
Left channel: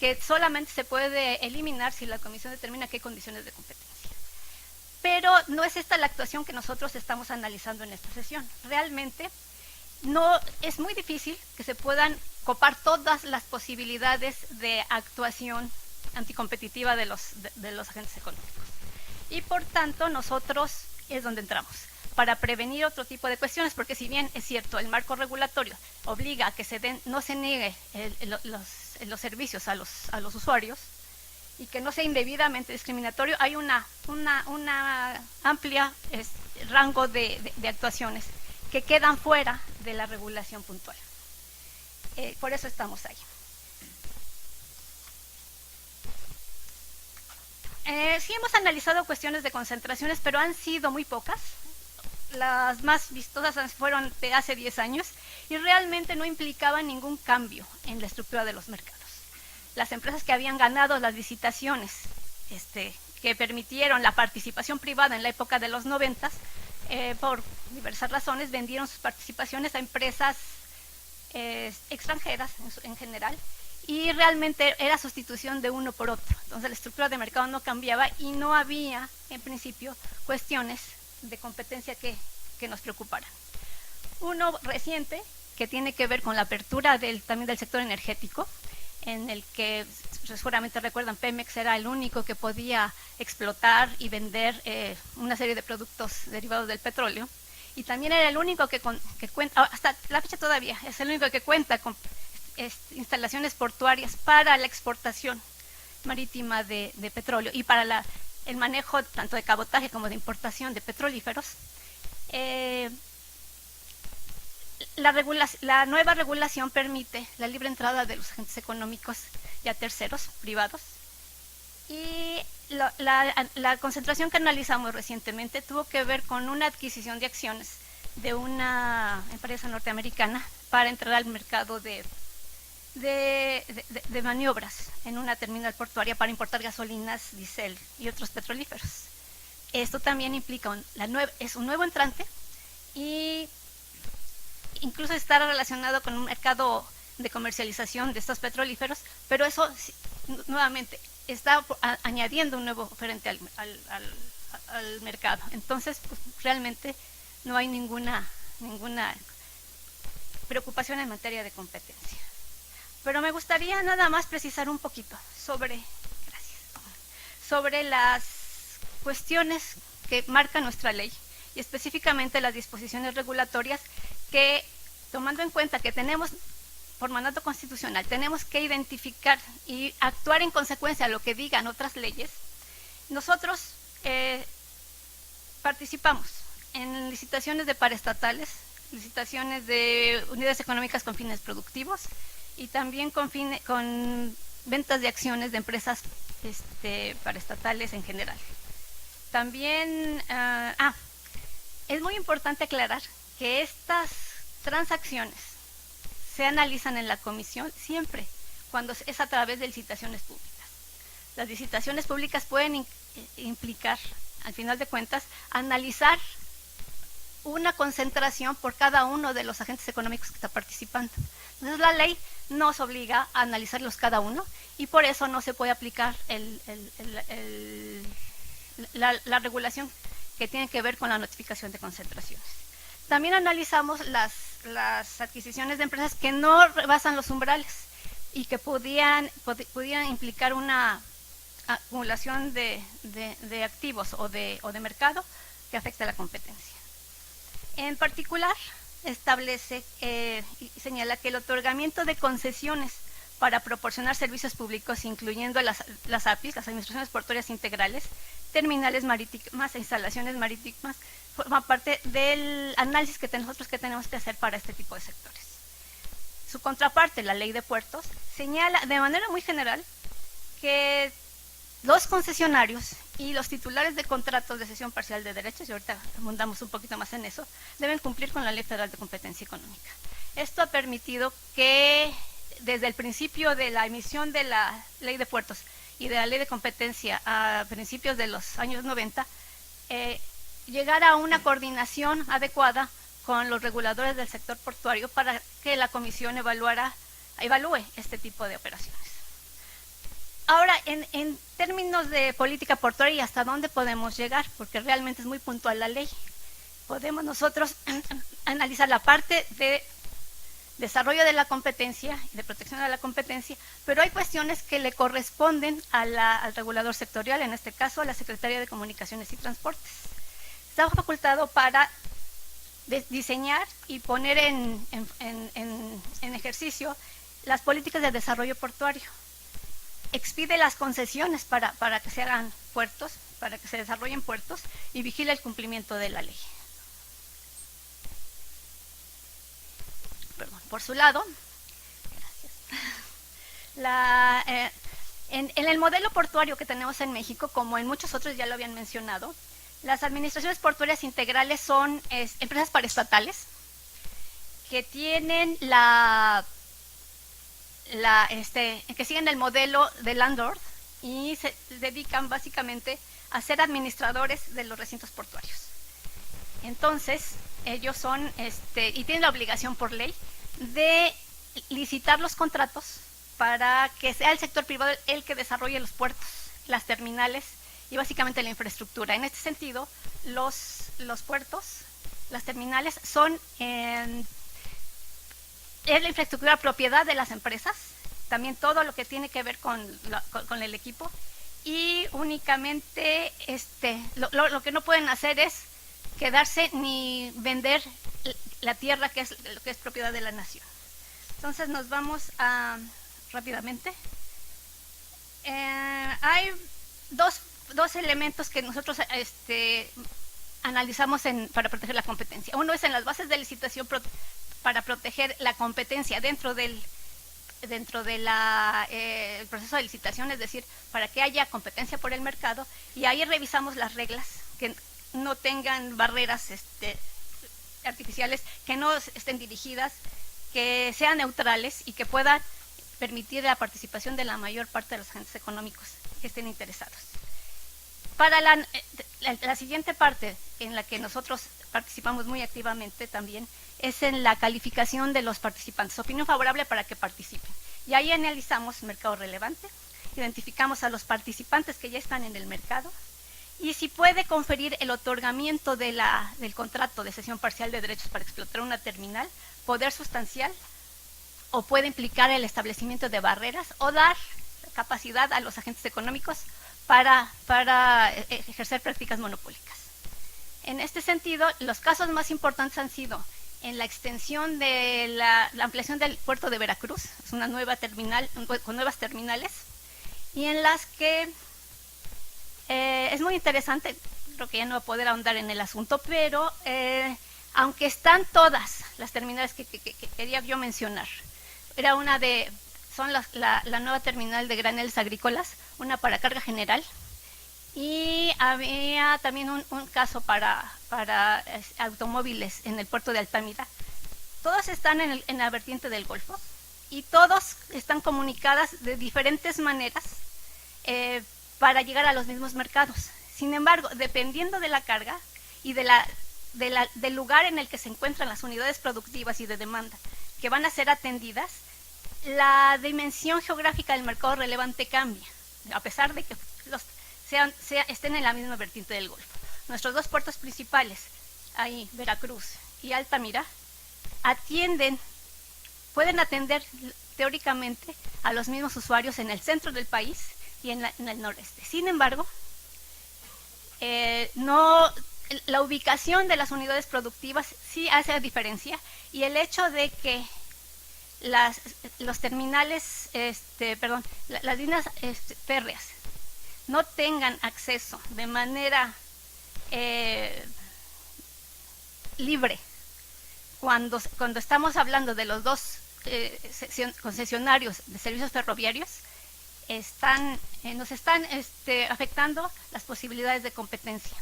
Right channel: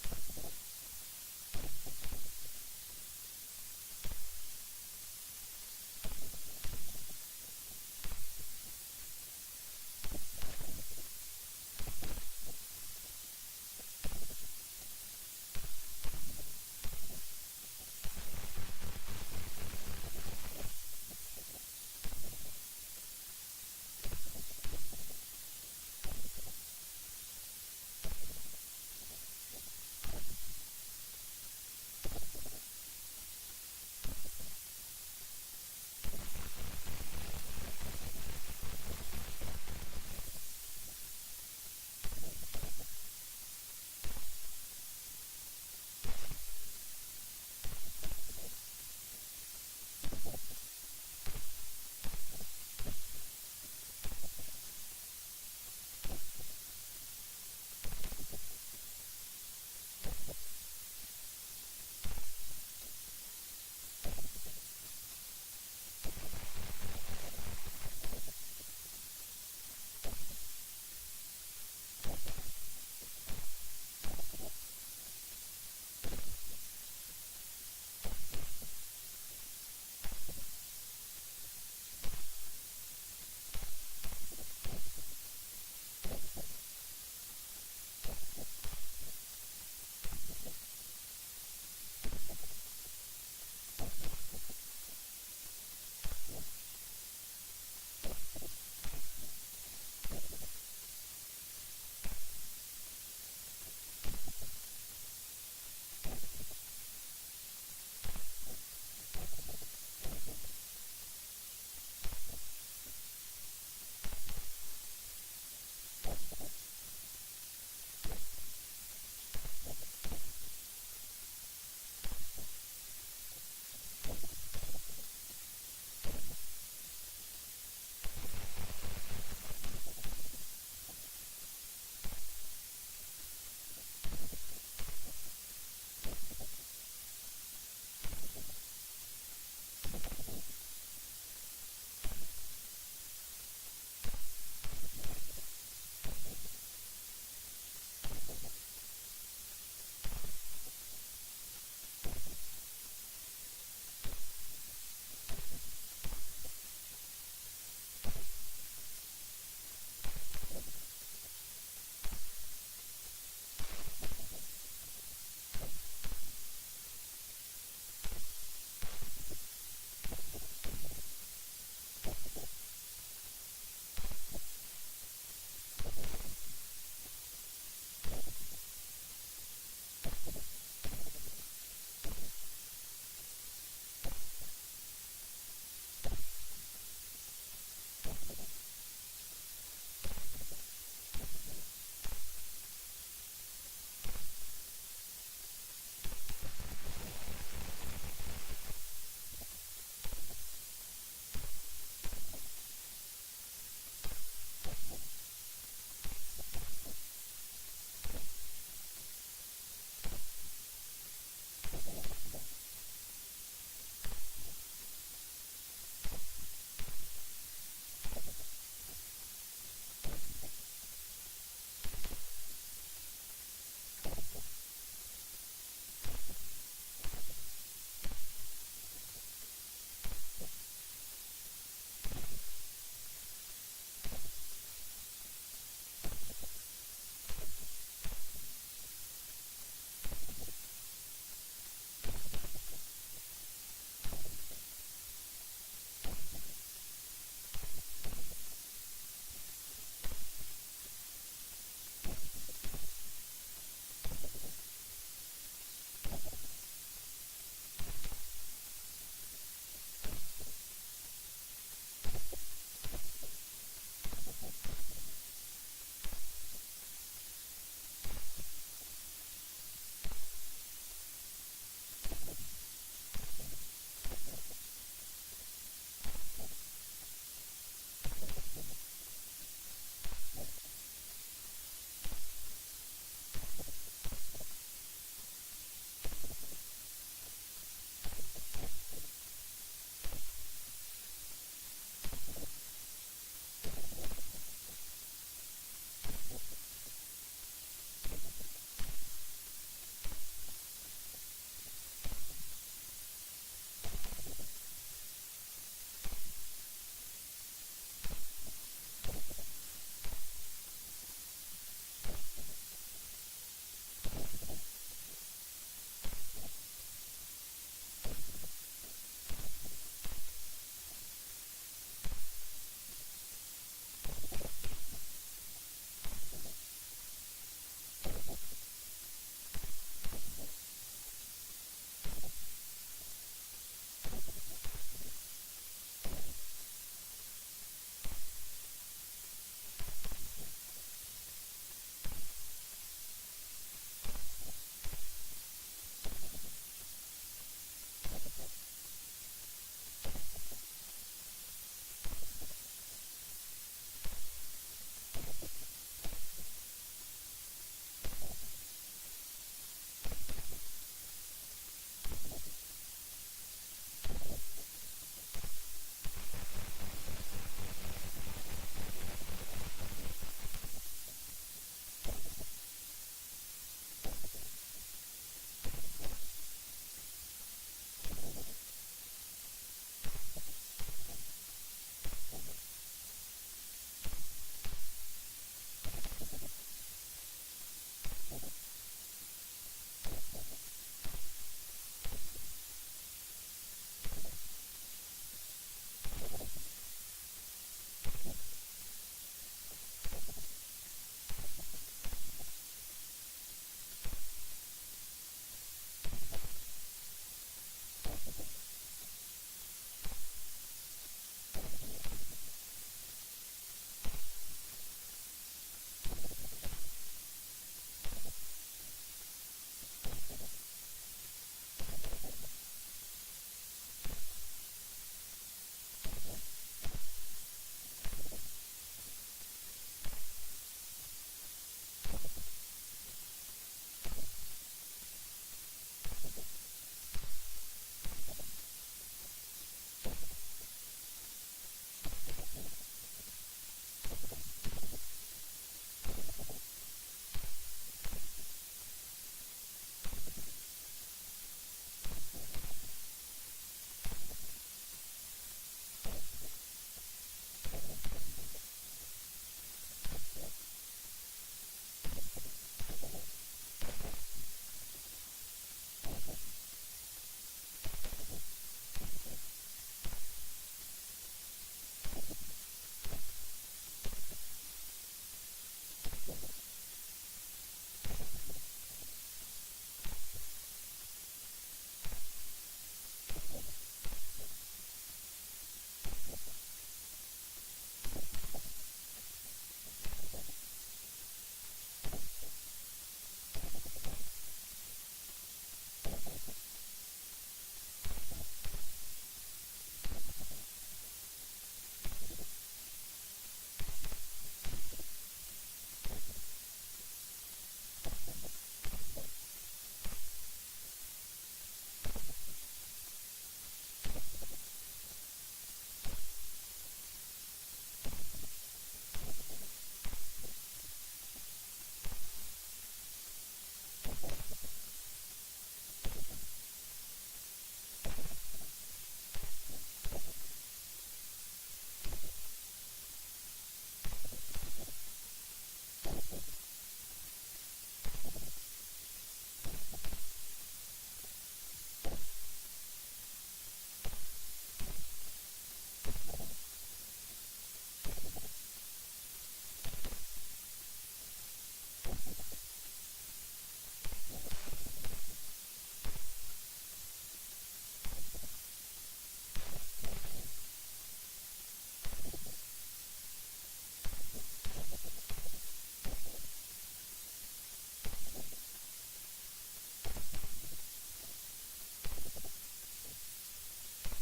que solamente se puede eliminar si la Comisión determina que hay condiciones de competencia. Pero no es esta la actuación que nosotros estamos analizando en esta sesión. Realmente no es muy difícil que se puedan copar todas las posibilidades de actuación anticompetitiva de los agentes económicos. Y por tanto, nosotros es donde entramos, para prevenir otro tipo de cuestiones, porque si bien es cierto, el marco regulatorio obliga a que no se niegue los servicios a los usuarios y que no sea indebidamente discriminatorio, hay una amplia rango de actuaciones que quedan fuera de la regulación puntual. Por eso estamos ahí. Sí hemos analizado cuestiones de concentraciones, pero han sido muy pocas. Las más vistosas fueron de hace 10 años y realmente no implicaban ningún cambio en la estructura de los mercados. Las empresas que habían ganado las licitaciones que permitieron la participación privada en la época de los 90, por diversas razones, vendieron sus participaciones a empresas extranjeras en general, y realmente era sustitución de uno por otro. Entonces la estructura de mercado no cambiaba y no había, en principio, cuestiones de competencia que nos preocuparan. Uno reciente, que tiene que ver con la apertura también del sector energético, en el que seguramente recuerdan, Pemex era el único que podía explotar y vender una serie de productos derivados del petróleo, y también era el único que cuenta, hasta la fecha todavía, es el único que cuenta con instalaciones portuarias para la exportación marítima de petróleo y para el manejo tanto de cabotaje como de importación de petrolíferos. La nueva regulación permite la libre entrada de los agentes económicos y a terceros privados, y la concentración que analizamos recientemente tuvo que ver con una adquisición de acciones de una empresa norteamericana para entrar al mercado de maniobras en una terminal portuaria para importar gasolinas, diésel y otros petrolíferos. Esto también implica es un nuevo entrante, y incluso está relacionado con un mercado de comercialización de estos petrolíferos, pero eso nuevamente está añadiendo un nuevo oferente al mercado. Entonces, pues, realmente no hay ninguna preocupación en materia de competencia. Pero me gustaría nada más precisar un poquito sobre las cuestiones que marca nuestra ley, y específicamente las disposiciones regulatorias que, tomando en cuenta que tenemos, por mandato constitucional, tenemos que identificar y actuar en consecuencia a lo que digan otras leyes. Nosotros participamos en licitaciones de paraestatales, licitaciones de unidades económicas con fines productivos, y también con ventas de acciones de empresas paraestatales en general. También es muy importante aclarar que estas transacciones se analizan en la comisión siempre cuando es a través de licitaciones públicas. Las licitaciones públicas pueden implicar, al final de cuentas, analizar una concentración por cada uno de los agentes económicos que está participando. Entonces la ley nos obliga a analizarlos cada uno, y por eso no se puede aplicar la regulación que tiene que ver con la notificación de concentraciones. También analizamos las adquisiciones de empresas que no rebasan los umbrales y que podían implicar una acumulación de activos o de mercado que afecta a la competencia. En particular, establece y señala que el otorgamiento de concesiones para proporcionar servicios públicos, incluyendo las APIs, las Administraciones Portuarias Integrales, terminales marítimas e instalaciones marítimas, forma parte del análisis que nosotros tenemos que hacer para este tipo de sectores. Su contraparte, la Ley de Puertos, señala de manera muy general que los concesionarios y los titulares de contratos de cesión parcial de derechos, y ahorita abundamos un poquito más en eso, deben cumplir con la Ley Federal de Competencia Económica. Esto ha permitido que desde el principio de la emisión de la Ley de Puertos y de la Ley de Competencia a principios de los años 90, llegar a una coordinación adecuada con los reguladores del sector portuario para que la Comisión evalúe este tipo de operaciones. Ahora, en términos de política portuaria, ¿hasta dónde podemos llegar? Porque realmente es muy puntual la ley. Podemos nosotros analizar la parte de desarrollo de la competencia, de protección de la competencia, pero hay cuestiones que le corresponden al regulador sectorial, en este caso a la Secretaría de Comunicaciones y Transportes. Está facultado para diseñar y poner en ejercicio las políticas de desarrollo portuario. Expide las concesiones para que se hagan puertos, para que se desarrollen puertos, y vigila el cumplimiento de la ley. Por su lado, en el modelo portuario que tenemos en México, como en muchos otros ya lo habían mencionado, las administraciones portuarias integrales son empresas paraestatales que tienen que siguen el modelo de landlord y se dedican básicamente a ser administradores de los recintos portuarios. Entonces, ellos son, y tienen la obligación por ley de licitar los contratos para que sea el sector privado el que desarrolle los puertos, las terminales y básicamente la infraestructura. En este sentido, los puertos, las terminales son es la infraestructura propiedad de las empresas, también todo lo que tiene que ver con el equipo, y únicamente lo que no pueden hacer es quedarse ni vender la tierra que es propiedad de la nación. Entonces nos vamos a rápidamente. Hay dos elementos que nosotros analizamos para proteger la competencia. Uno es en las bases de licitación para proteger la competencia dentro del proceso de licitación, es decir, para que haya competencia por el mercado, y ahí revisamos las reglas que no tengan barreras artificiales, que no estén dirigidas, que sean neutrales y que puedan permitir la participación de la mayor parte de los agentes económicos que estén interesados. Para la siguiente parte en la que nosotros participamos muy activamente también es en la calificación de los participantes, opinión favorable para que participen. Y ahí analizamos mercado relevante, identificamos a los participantes que ya están en el mercado y si puede conferir el otorgamiento del contrato de cesión parcial de derechos para explotar una terminal, poder sustancial, o puede implicar el establecimiento de barreras o dar capacidad a los agentes económicos para ejercer prácticas monopólicas. En este sentido, los casos más importantes han sido en la extensión de la ampliación del puerto de Veracruz, es una nueva terminal con nuevas terminales, y en las que es muy interesante, creo que ya no voy a poder ahondar en el asunto, pero aunque están todas las terminales que quería yo mencionar, son la nueva terminal de graneles agrícolas, una para carga general, y había también un caso para automóviles en el puerto de Altamira. Todas están en la vertiente del Golfo y todas están comunicadas de diferentes maneras para llegar a los mismos mercados. Sin embargo, dependiendo de la carga y del lugar en el que se encuentran las unidades productivas y de demanda que van a ser atendidas, la dimensión geográfica del mercado relevante cambia, a pesar de que estén en la misma vertiente del Golfo. Nuestros dos puertos principales, ahí Veracruz y Altamira, pueden atender teóricamente a los mismos usuarios en el centro del país y en el noreste. Sin embargo, la ubicación de las unidades productivas sí hace diferencia, y el hecho de que los terminales, las líneas férreas no tengan acceso de manera libre cuando estamos hablando de los dos concesionarios de servicios ferroviarios, nos están afectando las posibilidades de competencia.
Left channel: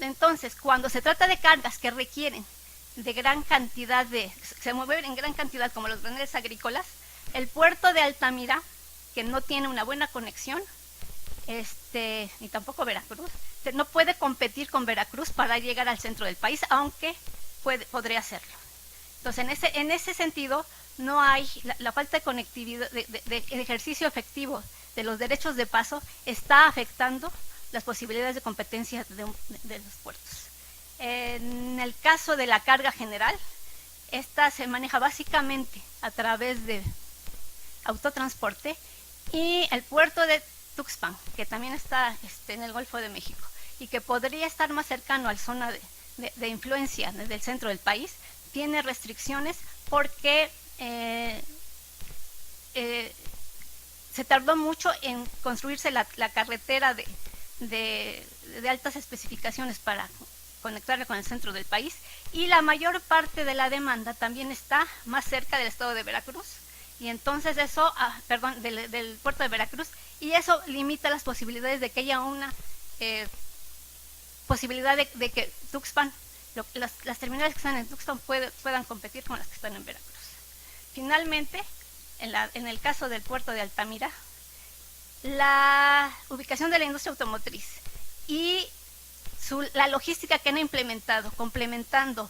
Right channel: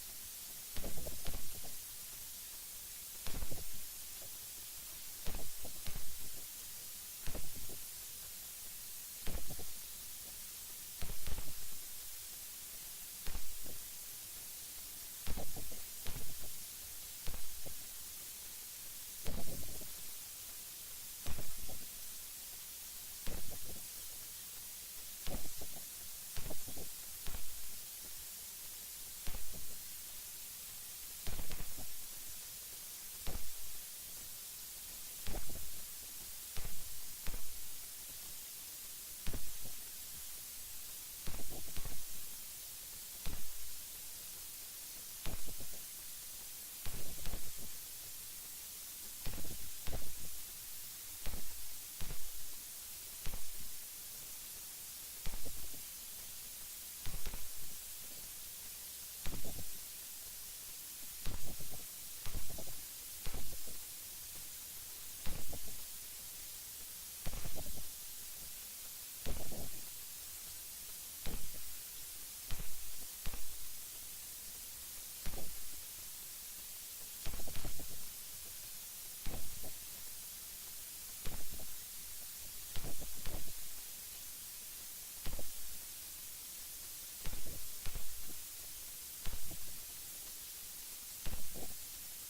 Entonces, cuando se trata de cargas que requieren de gran cantidad se mueven en gran cantidad como los graneles agrícolas, el puerto de Altamira, que no tiene una buena conexión, ni tampoco Veracruz, no puede competir con Veracruz para llegar al centro del país, aunque podría hacerlo. Entonces, en ese sentido, no hay la falta de conectividad, de ejercicio efectivo de los derechos de paso está afectando las posibilidades de competencia de los puertos. En el caso de la carga general, esta se maneja básicamente a través de autotransporte, y el puerto de Tuxpan, que también está en el Golfo de México y que podría estar más cercano a la zona de influencia desde el centro del país, tiene restricciones porque se tardó mucho en construirse la carretera de altas especificaciones para conectarle con el centro del país, y la mayor parte de la demanda también está más cerca del estado de Veracruz, y entonces eso, del puerto de Veracruz, y eso limita las posibilidades de que haya una posibilidad de que Tuxpan, las terminales que están en Tuxpan puedan competir con las que están en Veracruz. Finalmente, en el caso del puerto de Altamira, la ubicación de la industria automotriz y la logística que han implementado, complementando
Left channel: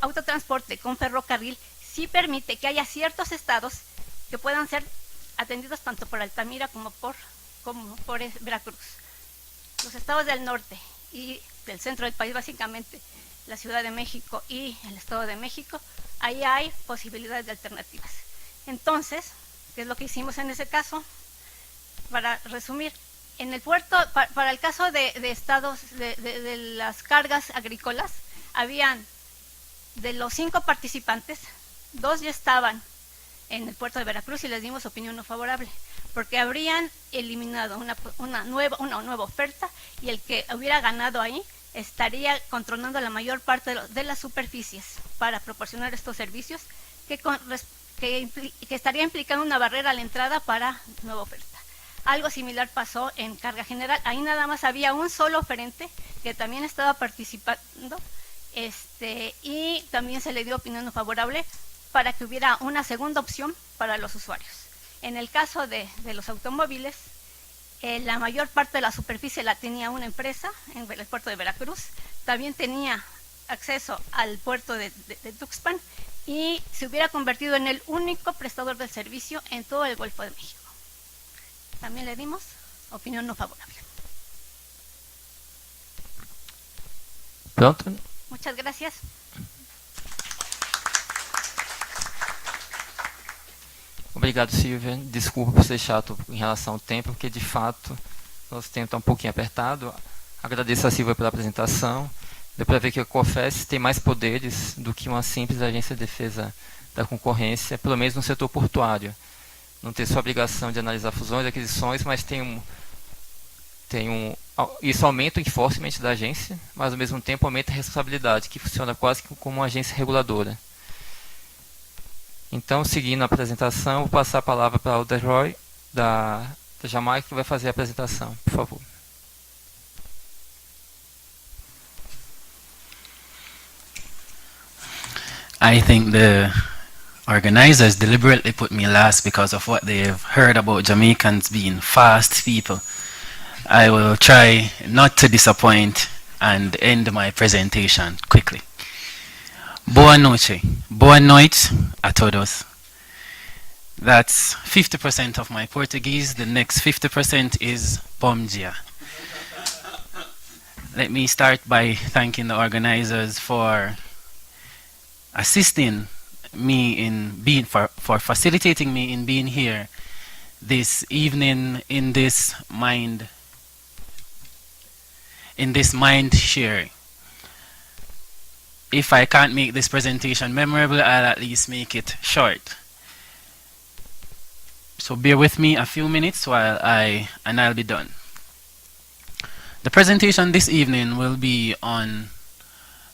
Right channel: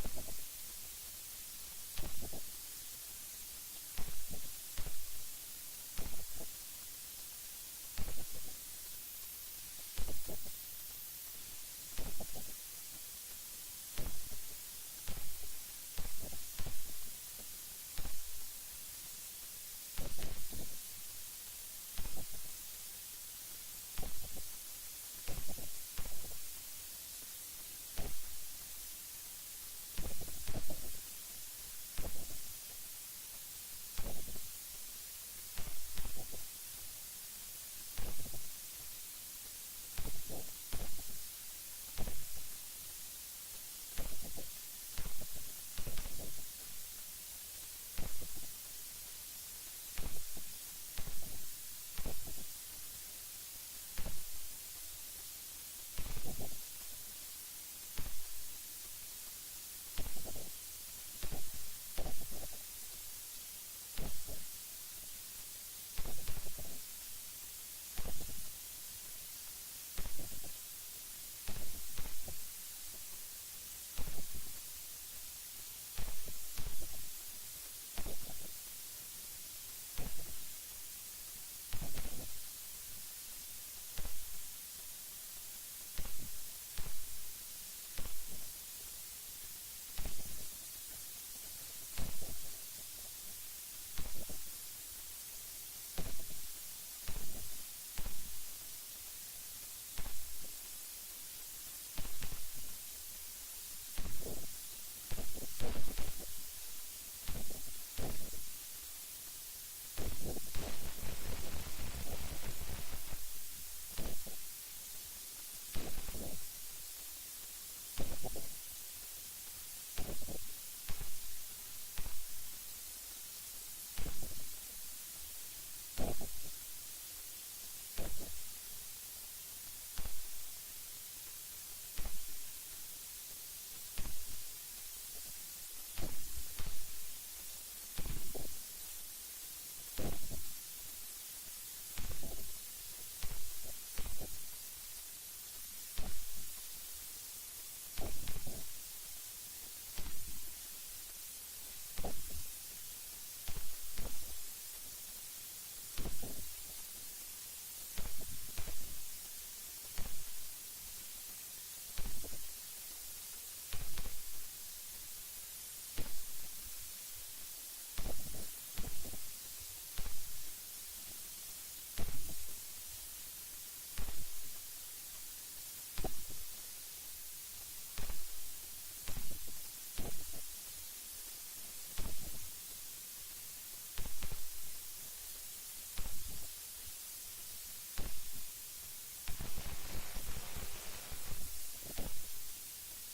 autotransporte con ferrocarril, sí permite que haya ciertos estados que puedan ser atendidos tanto por Altamira como por Veracruz. Los estados del norte y del centro del país, básicamente la Ciudad de México y el Estado de México, ahí hay posibilidades de alternativas. Entonces, ¿qué es lo que hicimos en ese caso? Para resumir, en el puerto, para el caso de estados de las cargas agrícolas, habían de los 5 participantes, 2 ya estaban en el puerto de Veracruz y les dimos opinión no favorable, porque habrían eliminado una nueva oferta, y el que hubiera ganado ahí estaría controlando la mayor parte de las superficies para proporcionar estos servicios, que estaría implicando una barrera a la entrada para nueva oferta. Algo similar pasó en carga general. Ahí nada más había un solo oferente que también estaba participando, y también se le dio opinión no favorable para que hubiera una segunda opción para los usuarios. En el caso de los automóviles, la mayor parte de la superficie la tenía una empresa en el puerto de Veracruz, también tenía acceso al puerto de Tuxpan, y se hubiera convertido en el único prestador de servicio en todo el Golfo de México. También le dimos opinión no favorable. Pronto? Muchas gracias. Obrigado, Silvia. Desculpa por ser chato em relação ao tempo, porque de fato nosso tempo está um pouquinho apertado. Agradeço a Silvia pela apresentação. Deu para ver que a COFES tem mais poderes do que uma simples agência de defesa da concorrência, pelo menos no setor portuário. Não tem só a obrigação de analisar fusões e aquisições, mas isso aumenta o enforcement da agência, mas ao mesmo tempo aumenta a responsabilidade, que funciona quase como uma agência reguladora. Então, seguindo a apresentação, vou passar a palavra para o Alderoy, da Jamaica, que vai fazer a apresentação. Por favor. I think the organizers deliberately put me last because of what they've heard about Jamaicans being fast people. I will try not to disappoint and end my presentation quickly. Boa noite. Boa noite a todos. That's 50% of my Portuguese. The next 50% is bom dia. Let me start by thanking the organizers for assisting me in being, for facilitating me in being here this evening in this mind sharing. If I can't make this presentation memorable, I'll at least make it short. So bear with me a few minutes while I'll be done. The presentation this evening will be on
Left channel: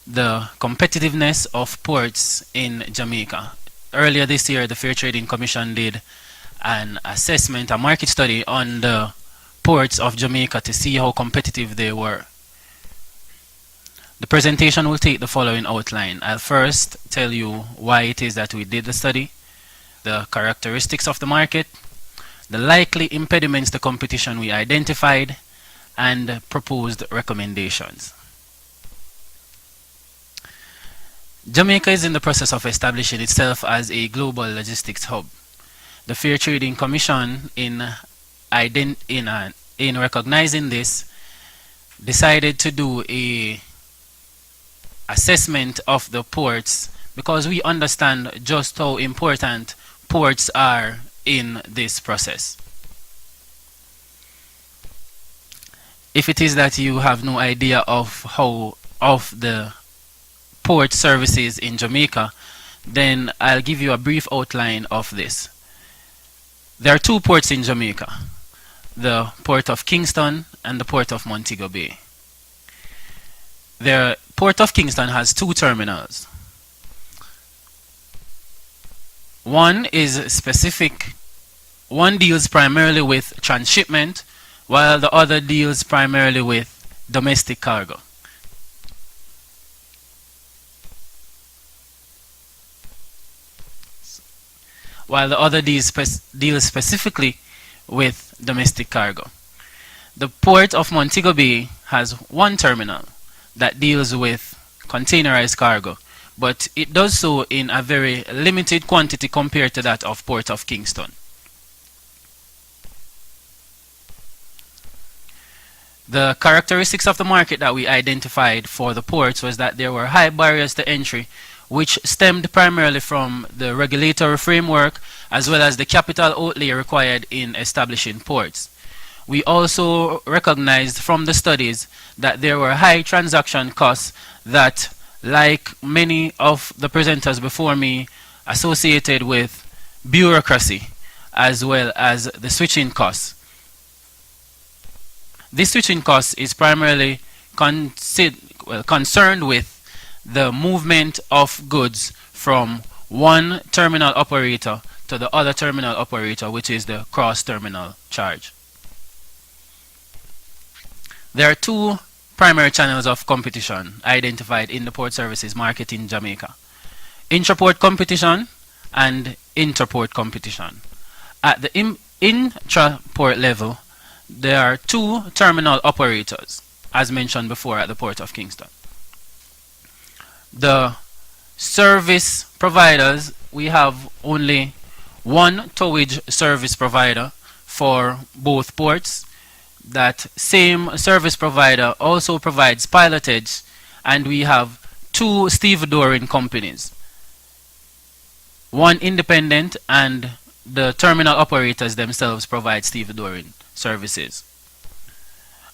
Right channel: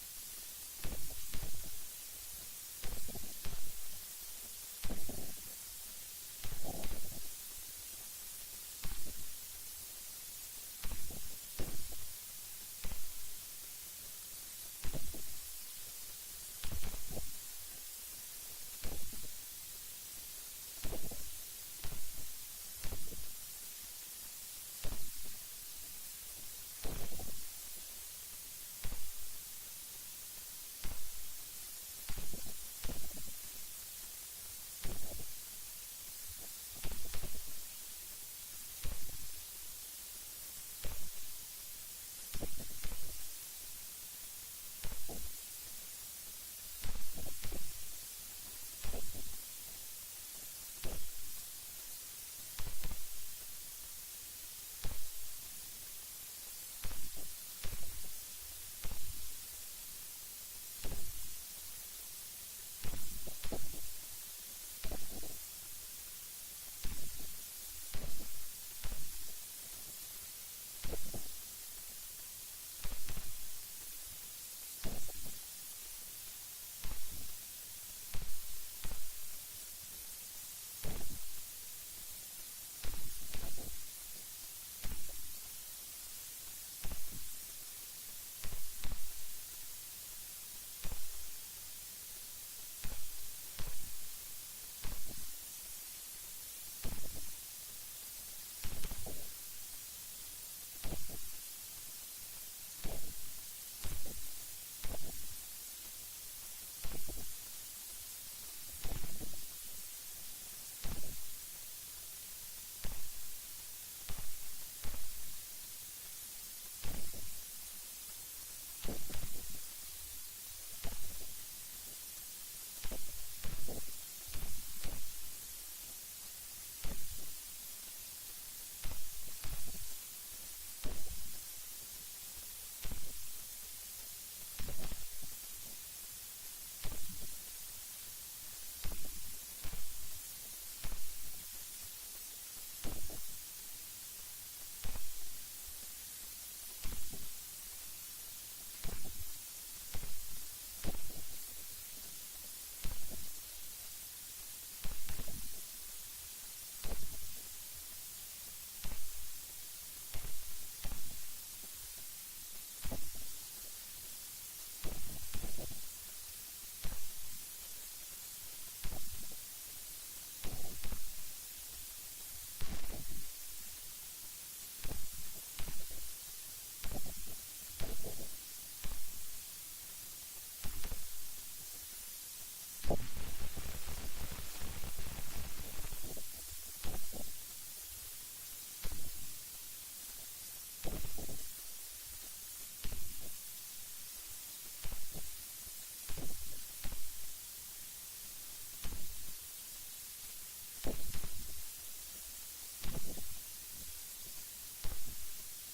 the competitiveness of ports in Jamaica. Earlier this year, the Fair Trading Commission did an assessment, a market study on the ports of Jamaica to see how competitive they were. The presentation will take the following outline. I'll first tell you why it is that we did the study, the characteristics of the market, the likely impediments to competition we identified, and proposed recommendations. Jamaica is in the process of establishing itself as a global logistics hub. The Fair Trading Commission, in recognizing this, decided to do a assessment of the ports because we understand just how important ports are in this process. If it is that you have no idea of the port services in Jamaica, then I'll give you a brief outline of this. There are 2 ports in Jamaica, the Port of Kingston and the Port of Montego Bay. The Port of Kingston has 2 terminals. One deals primarily with transshipment, while the other deals primarily with domestic cargo. While the other deals specifically with domestic cargo. The Port of Montego Bay has 1 terminal that deals with containerized cargo, but it does so in a very limited quantity compared to that of Port of Kingston. The characteristics of the market that we identified for the ports was that there were high barriers to entry, which stemmed primarily from the regulatory framework as well as the capital outlay required in establishing ports. We also recognized from the studies that there were high transaction costs that, like many of the presenters before me, associated with bureaucracy as well as the switching costs. This switching cost is primarily concerned with the movement of goods from one terminal operator to the other terminal operator, which is the cross-terminal charge. There are two primary channels of competition identified in the port services market in Jamaica: intraport competition and interport competition. At the intraport level, there are two terminal operators, as mentioned before, at the Port of Kingston. The service providers, we have only one towage service provider for both ports. That same service provider also provides pilotage, and we have two stevedoring companies, one independent, and the terminal operators themselves provide stevedoring services.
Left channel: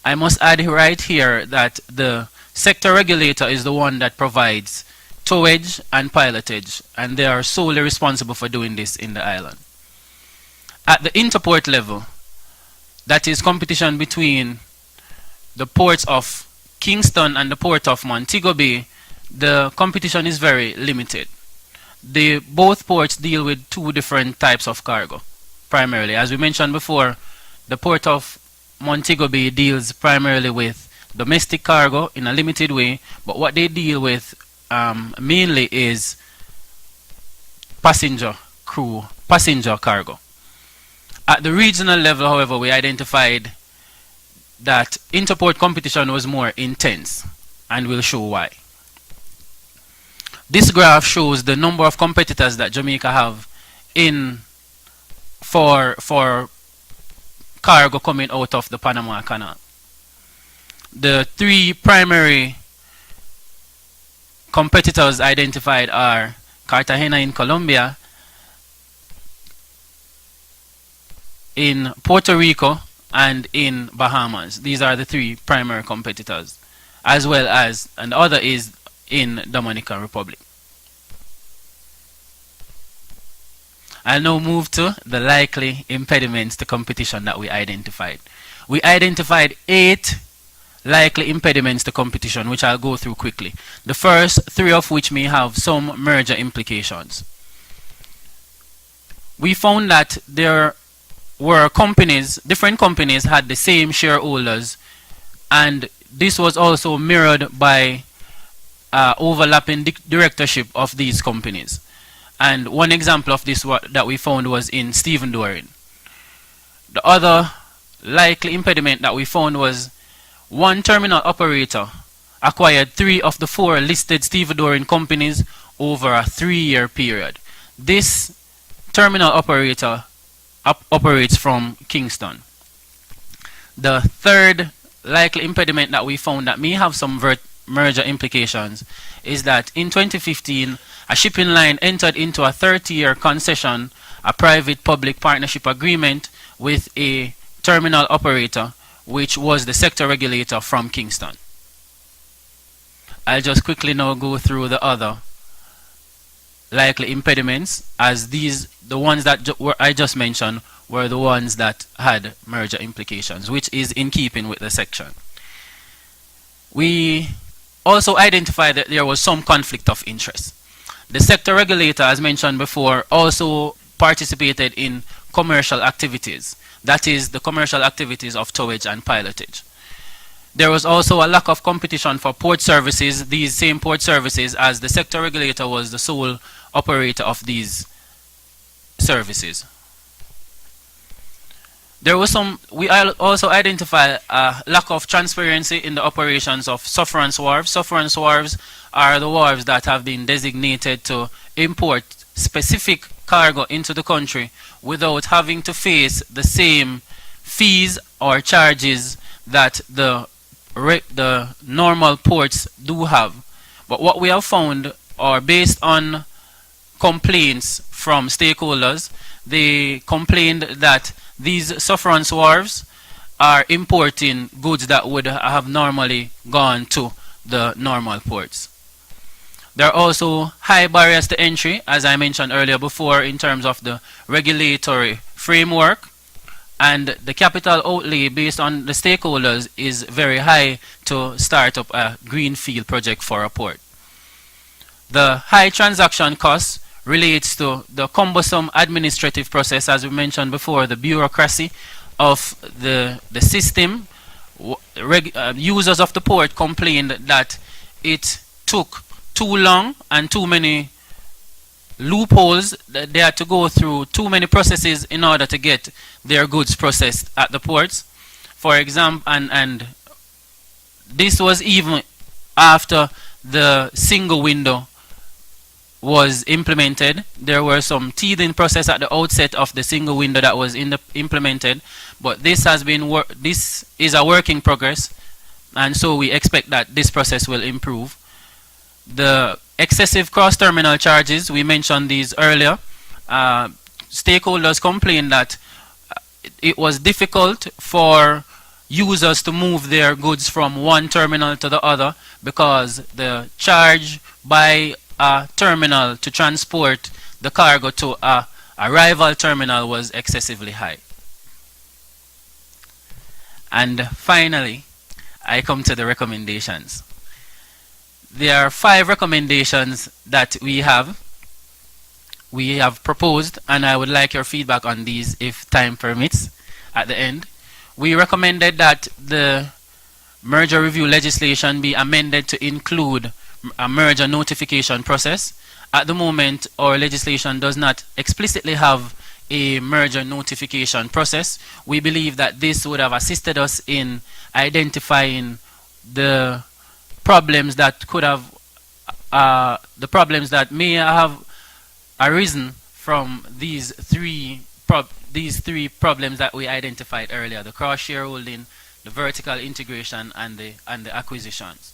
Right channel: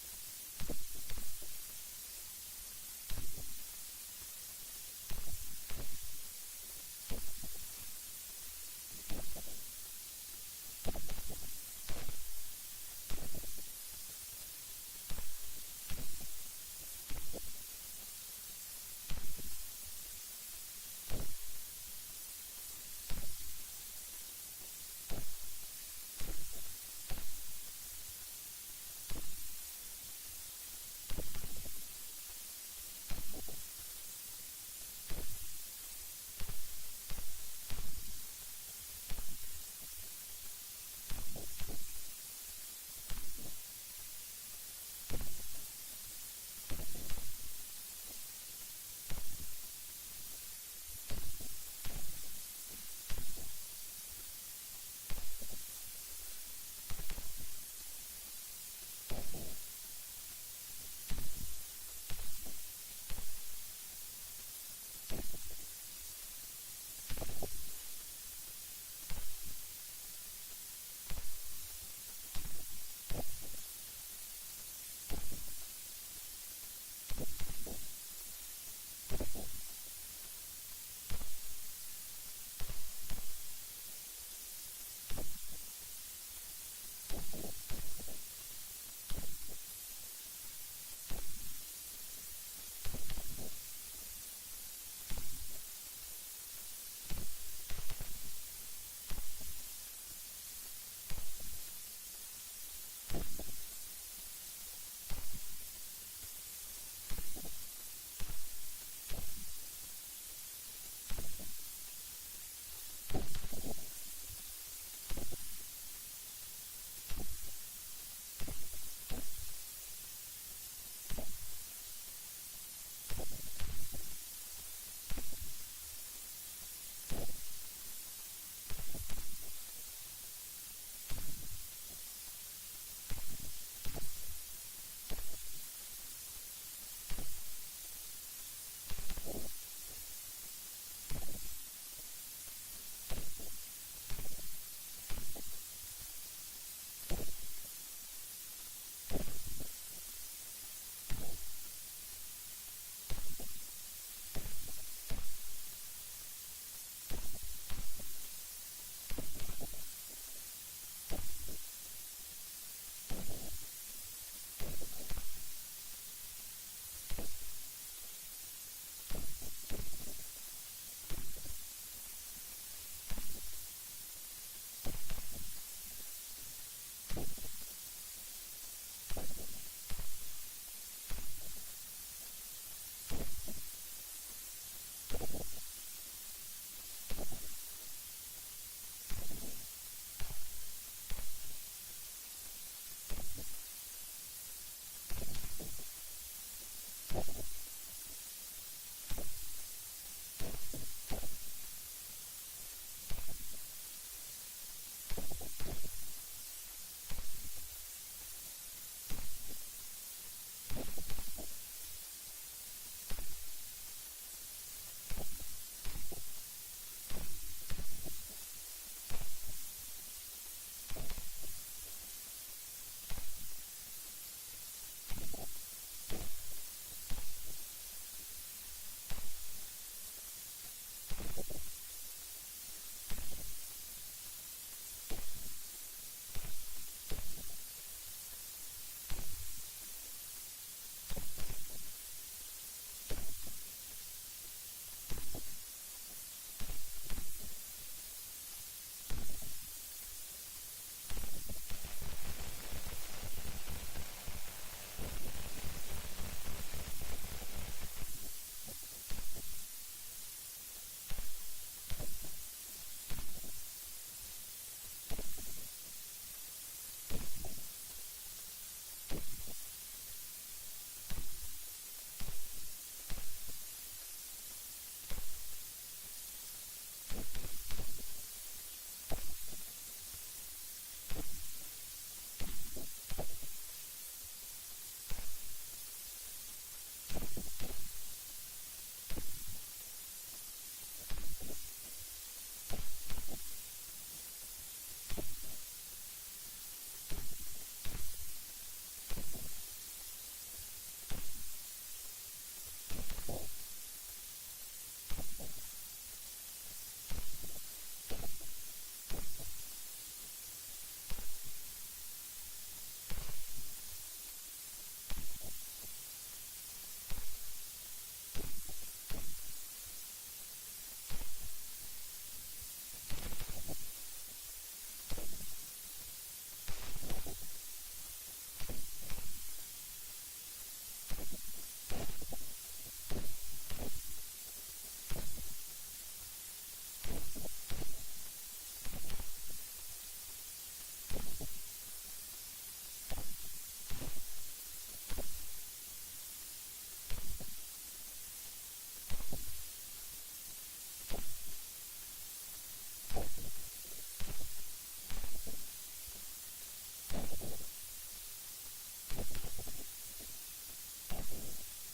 I must add right here that the sector regulator is the one that provides towage and pilotage, and they are solely responsible for doing this in the island. At the interport level, that is competition between the ports of Kingston and the port of Montego Bay, the competition is very limited. Both ports deal with two different types of cargo, primarily. As we mentioned before, the port of Montego Bay deals primarily with domestic cargo in a limited way, but what they deal with mainly is passenger cargo. At the regional level, however, we identified that interport competition was more intense, and we'll show why. This graph shows the number of competitors that Jamaica have for cargo coming out of the Panama Canal. The three primary competitors identified are Cartagena in Colombia, in Puerto Rico, and in Bahamas. These are the three primary competitors, as well as another is in Dominican Republic. I'll now move to the likely impediments to competition that we identified. We identified 8 likely impediments to competition, which I'll go through quickly. The first 3 of which may have some merger implications. We found that there were different companies had the same shareholders, and this was also mirrored by overlapping directorship of these companies. And one example of this that we found was in stevedoring. The other likely impediment that we found was one terminal operator acquired 3 of the 4 listed stevedoring companies over a 3-year period. This terminal operator operates from Kingston. The third likely impediment that we found that may have some merger implications is that in 2015, a shipping line entered into a 30-year concession, a private-public partnership agreement with a terminal operator, which was the sector regulator from Kingston. I'll just quickly now go through the other likely impediments, as the ones that I just mentioned were the ones that had merger implications, which is in keeping with the section. We also identified that there was some conflict of interest. The sector regulator, as mentioned before, also participated in commercial activities. That is the commercial activities of towage and pilotage. There was also a lack of competition for port services, these same port services, as the sector regulator was the sole operator of these services. We also identified a lack of transparency in the operations of sufferance wharves. Sufferance wharves are the wharves that have been designated to import specific cargo into the country without having to face the same fees or charges that the normal ports do have. But what we have found, or based on complaints from stakeholders, they complained that these sufferance wharves are importing goods that would have normally gone to the normal ports. There are also high barriers to entry, as I mentioned earlier before, in terms of the regulatory framework, and the capital outlay based on the stakeholders is very high to start up a greenfield project for a port. The high transaction costs relates to the cumbersome administrative process, as we mentioned before, the bureaucracy of the system. Users of the port complained that it took too long and too many loopholes, that they had to go through too many processes in order to get their goods processed at the ports. For example, and this was even after the single window was implemented. There were some teething process at the outset of the single window that was implemented, but this has been this is a work in progress, and so we expect that this process will improve. The excessive cross-terminal charges, we mentioned these earlier. Stakeholders complained that it was difficult for users to move their goods from one terminal to the other because the charge by a terminal to transport the cargo to a rival terminal was excessively high. And finally, I come to the recommendations. There are 5 recommendations that we have proposed, and I would like your feedback on these if time permits at the end. We recommended that the merger review legislation be amended to include a merger notification process. At the moment, our legislation does not explicitly have a merger notification process. We believe that this would have assisted us in identifying the problems that could have the problems that may have arisen from these three problems that we identified earlier: the cross shareholding, the vertical integration, and the acquisitions.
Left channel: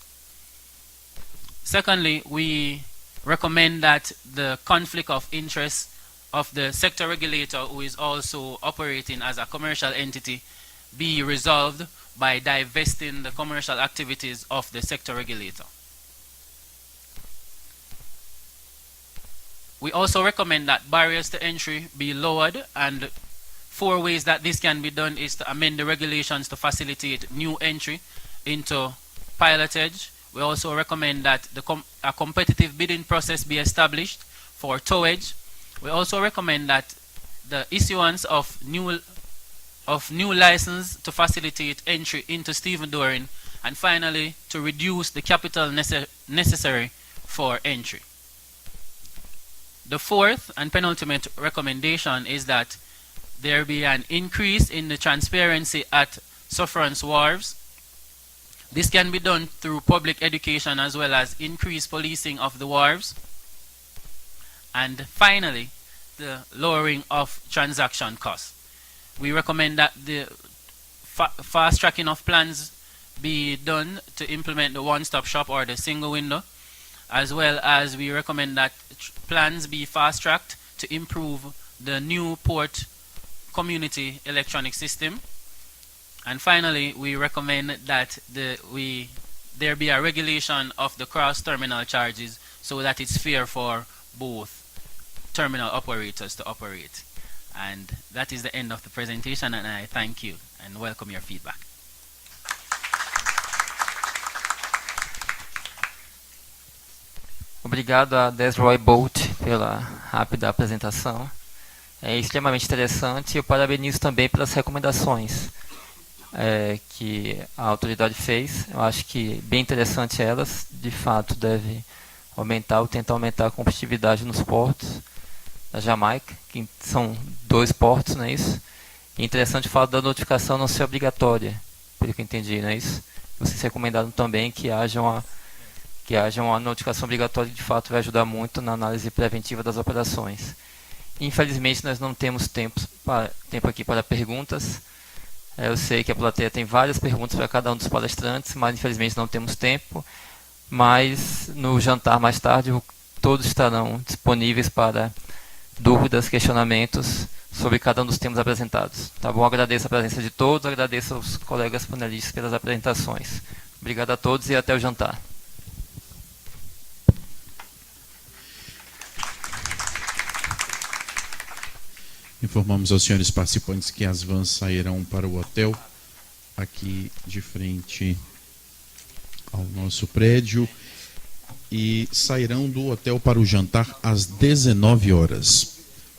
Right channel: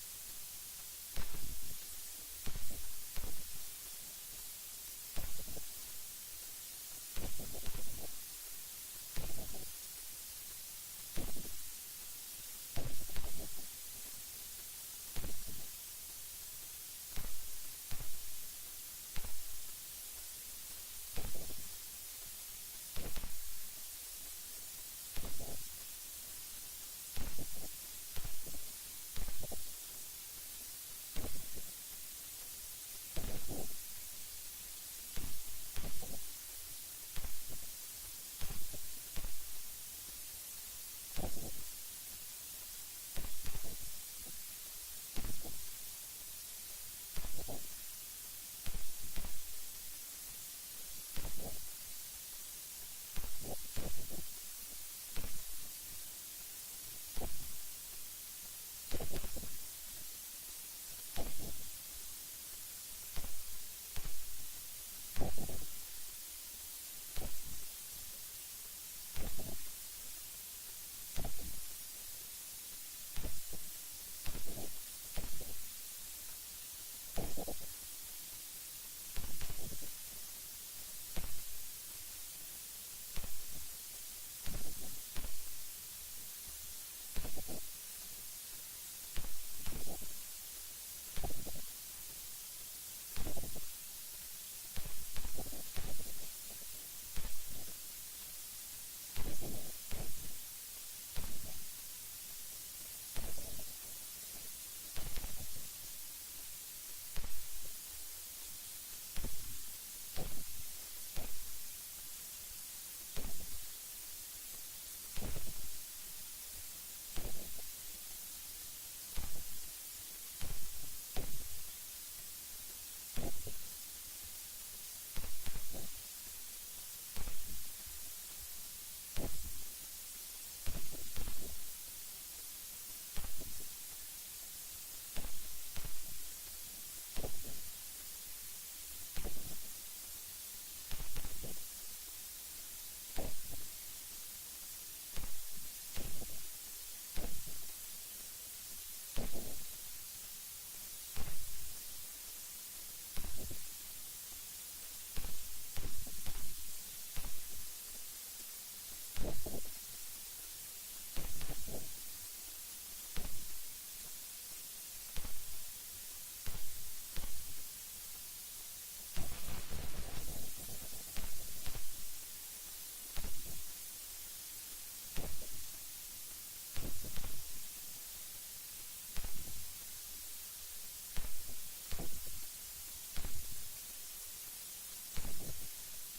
Secondly, we recommend that the conflict of interest of the sector regulator, who is also operating as a commercial entity, be resolved by divesting the commercial activities of the sector regulator. We also recommend that barriers to entry be lowered, and 4 ways that this can be done is to amend the regulations to facilitate new entry into pilotage. We also recommend that a competitive bidding process be established for towage. We also recommend that the issuance of new license to facilitate entry into stevedoring, and finally to reduce the capital necessary for entry. The 4th and penultimate recommendation is that there be an increase in the transparency at sufferance wharves. This can be done through public education as well as increased policing of the wharves. And finally, the lowering of transaction costs. We recommend that the fast tracking of plans be done to implement the one-stop shop or the single window, as well as we recommend that plans be fast tracked to improve the new port community electronic system. And finally, we recommend that there be a regulation of the cross-terminal charges so that it's fair for both terminal operators to operate. And that is the end of the presentation, and I thank you and welcome your feedback. Obrigado a Desroy Bolt pela rápida apresentação. É extremamente interessante, e eu parabenizo também pelas recomendações que a autoridade fez. Eu acho que bem interessante elas. De fato, deve tentar aumentar a competitividade nos portos da Jamaica, que são 2 portos, não é isso? E interessante o fato da notificação não ser obrigatória, pelo que eu entendi, não é isso? Vocês recomendaram também que haja uma notificação obrigatória, de fato vai ajudar muito na análise preventiva das operações. Infelizmente nós não temos tempo aqui para perguntas. Eu sei que a plateia tem várias perguntas para cada um dos palestrantes, mas infelizmente não temos tempo. Mas no jantar mais tarde, todos estarão disponíveis para dúvidas, questionamentos sobre cada um dos temas apresentados. Tá bom? Agradeço a presença de todos, agradeço aos colegas panelistas pelas apresentações. Obrigado a todos e até o jantar. Informamos aos senhores participantes que as vans sairão para o hotel aqui de frente ao nosso prédio e sairão do hotel para o jantar às 19 horas.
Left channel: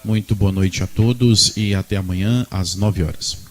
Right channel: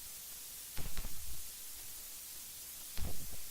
Muito boa noite a todos e até amanhã às 9 horas.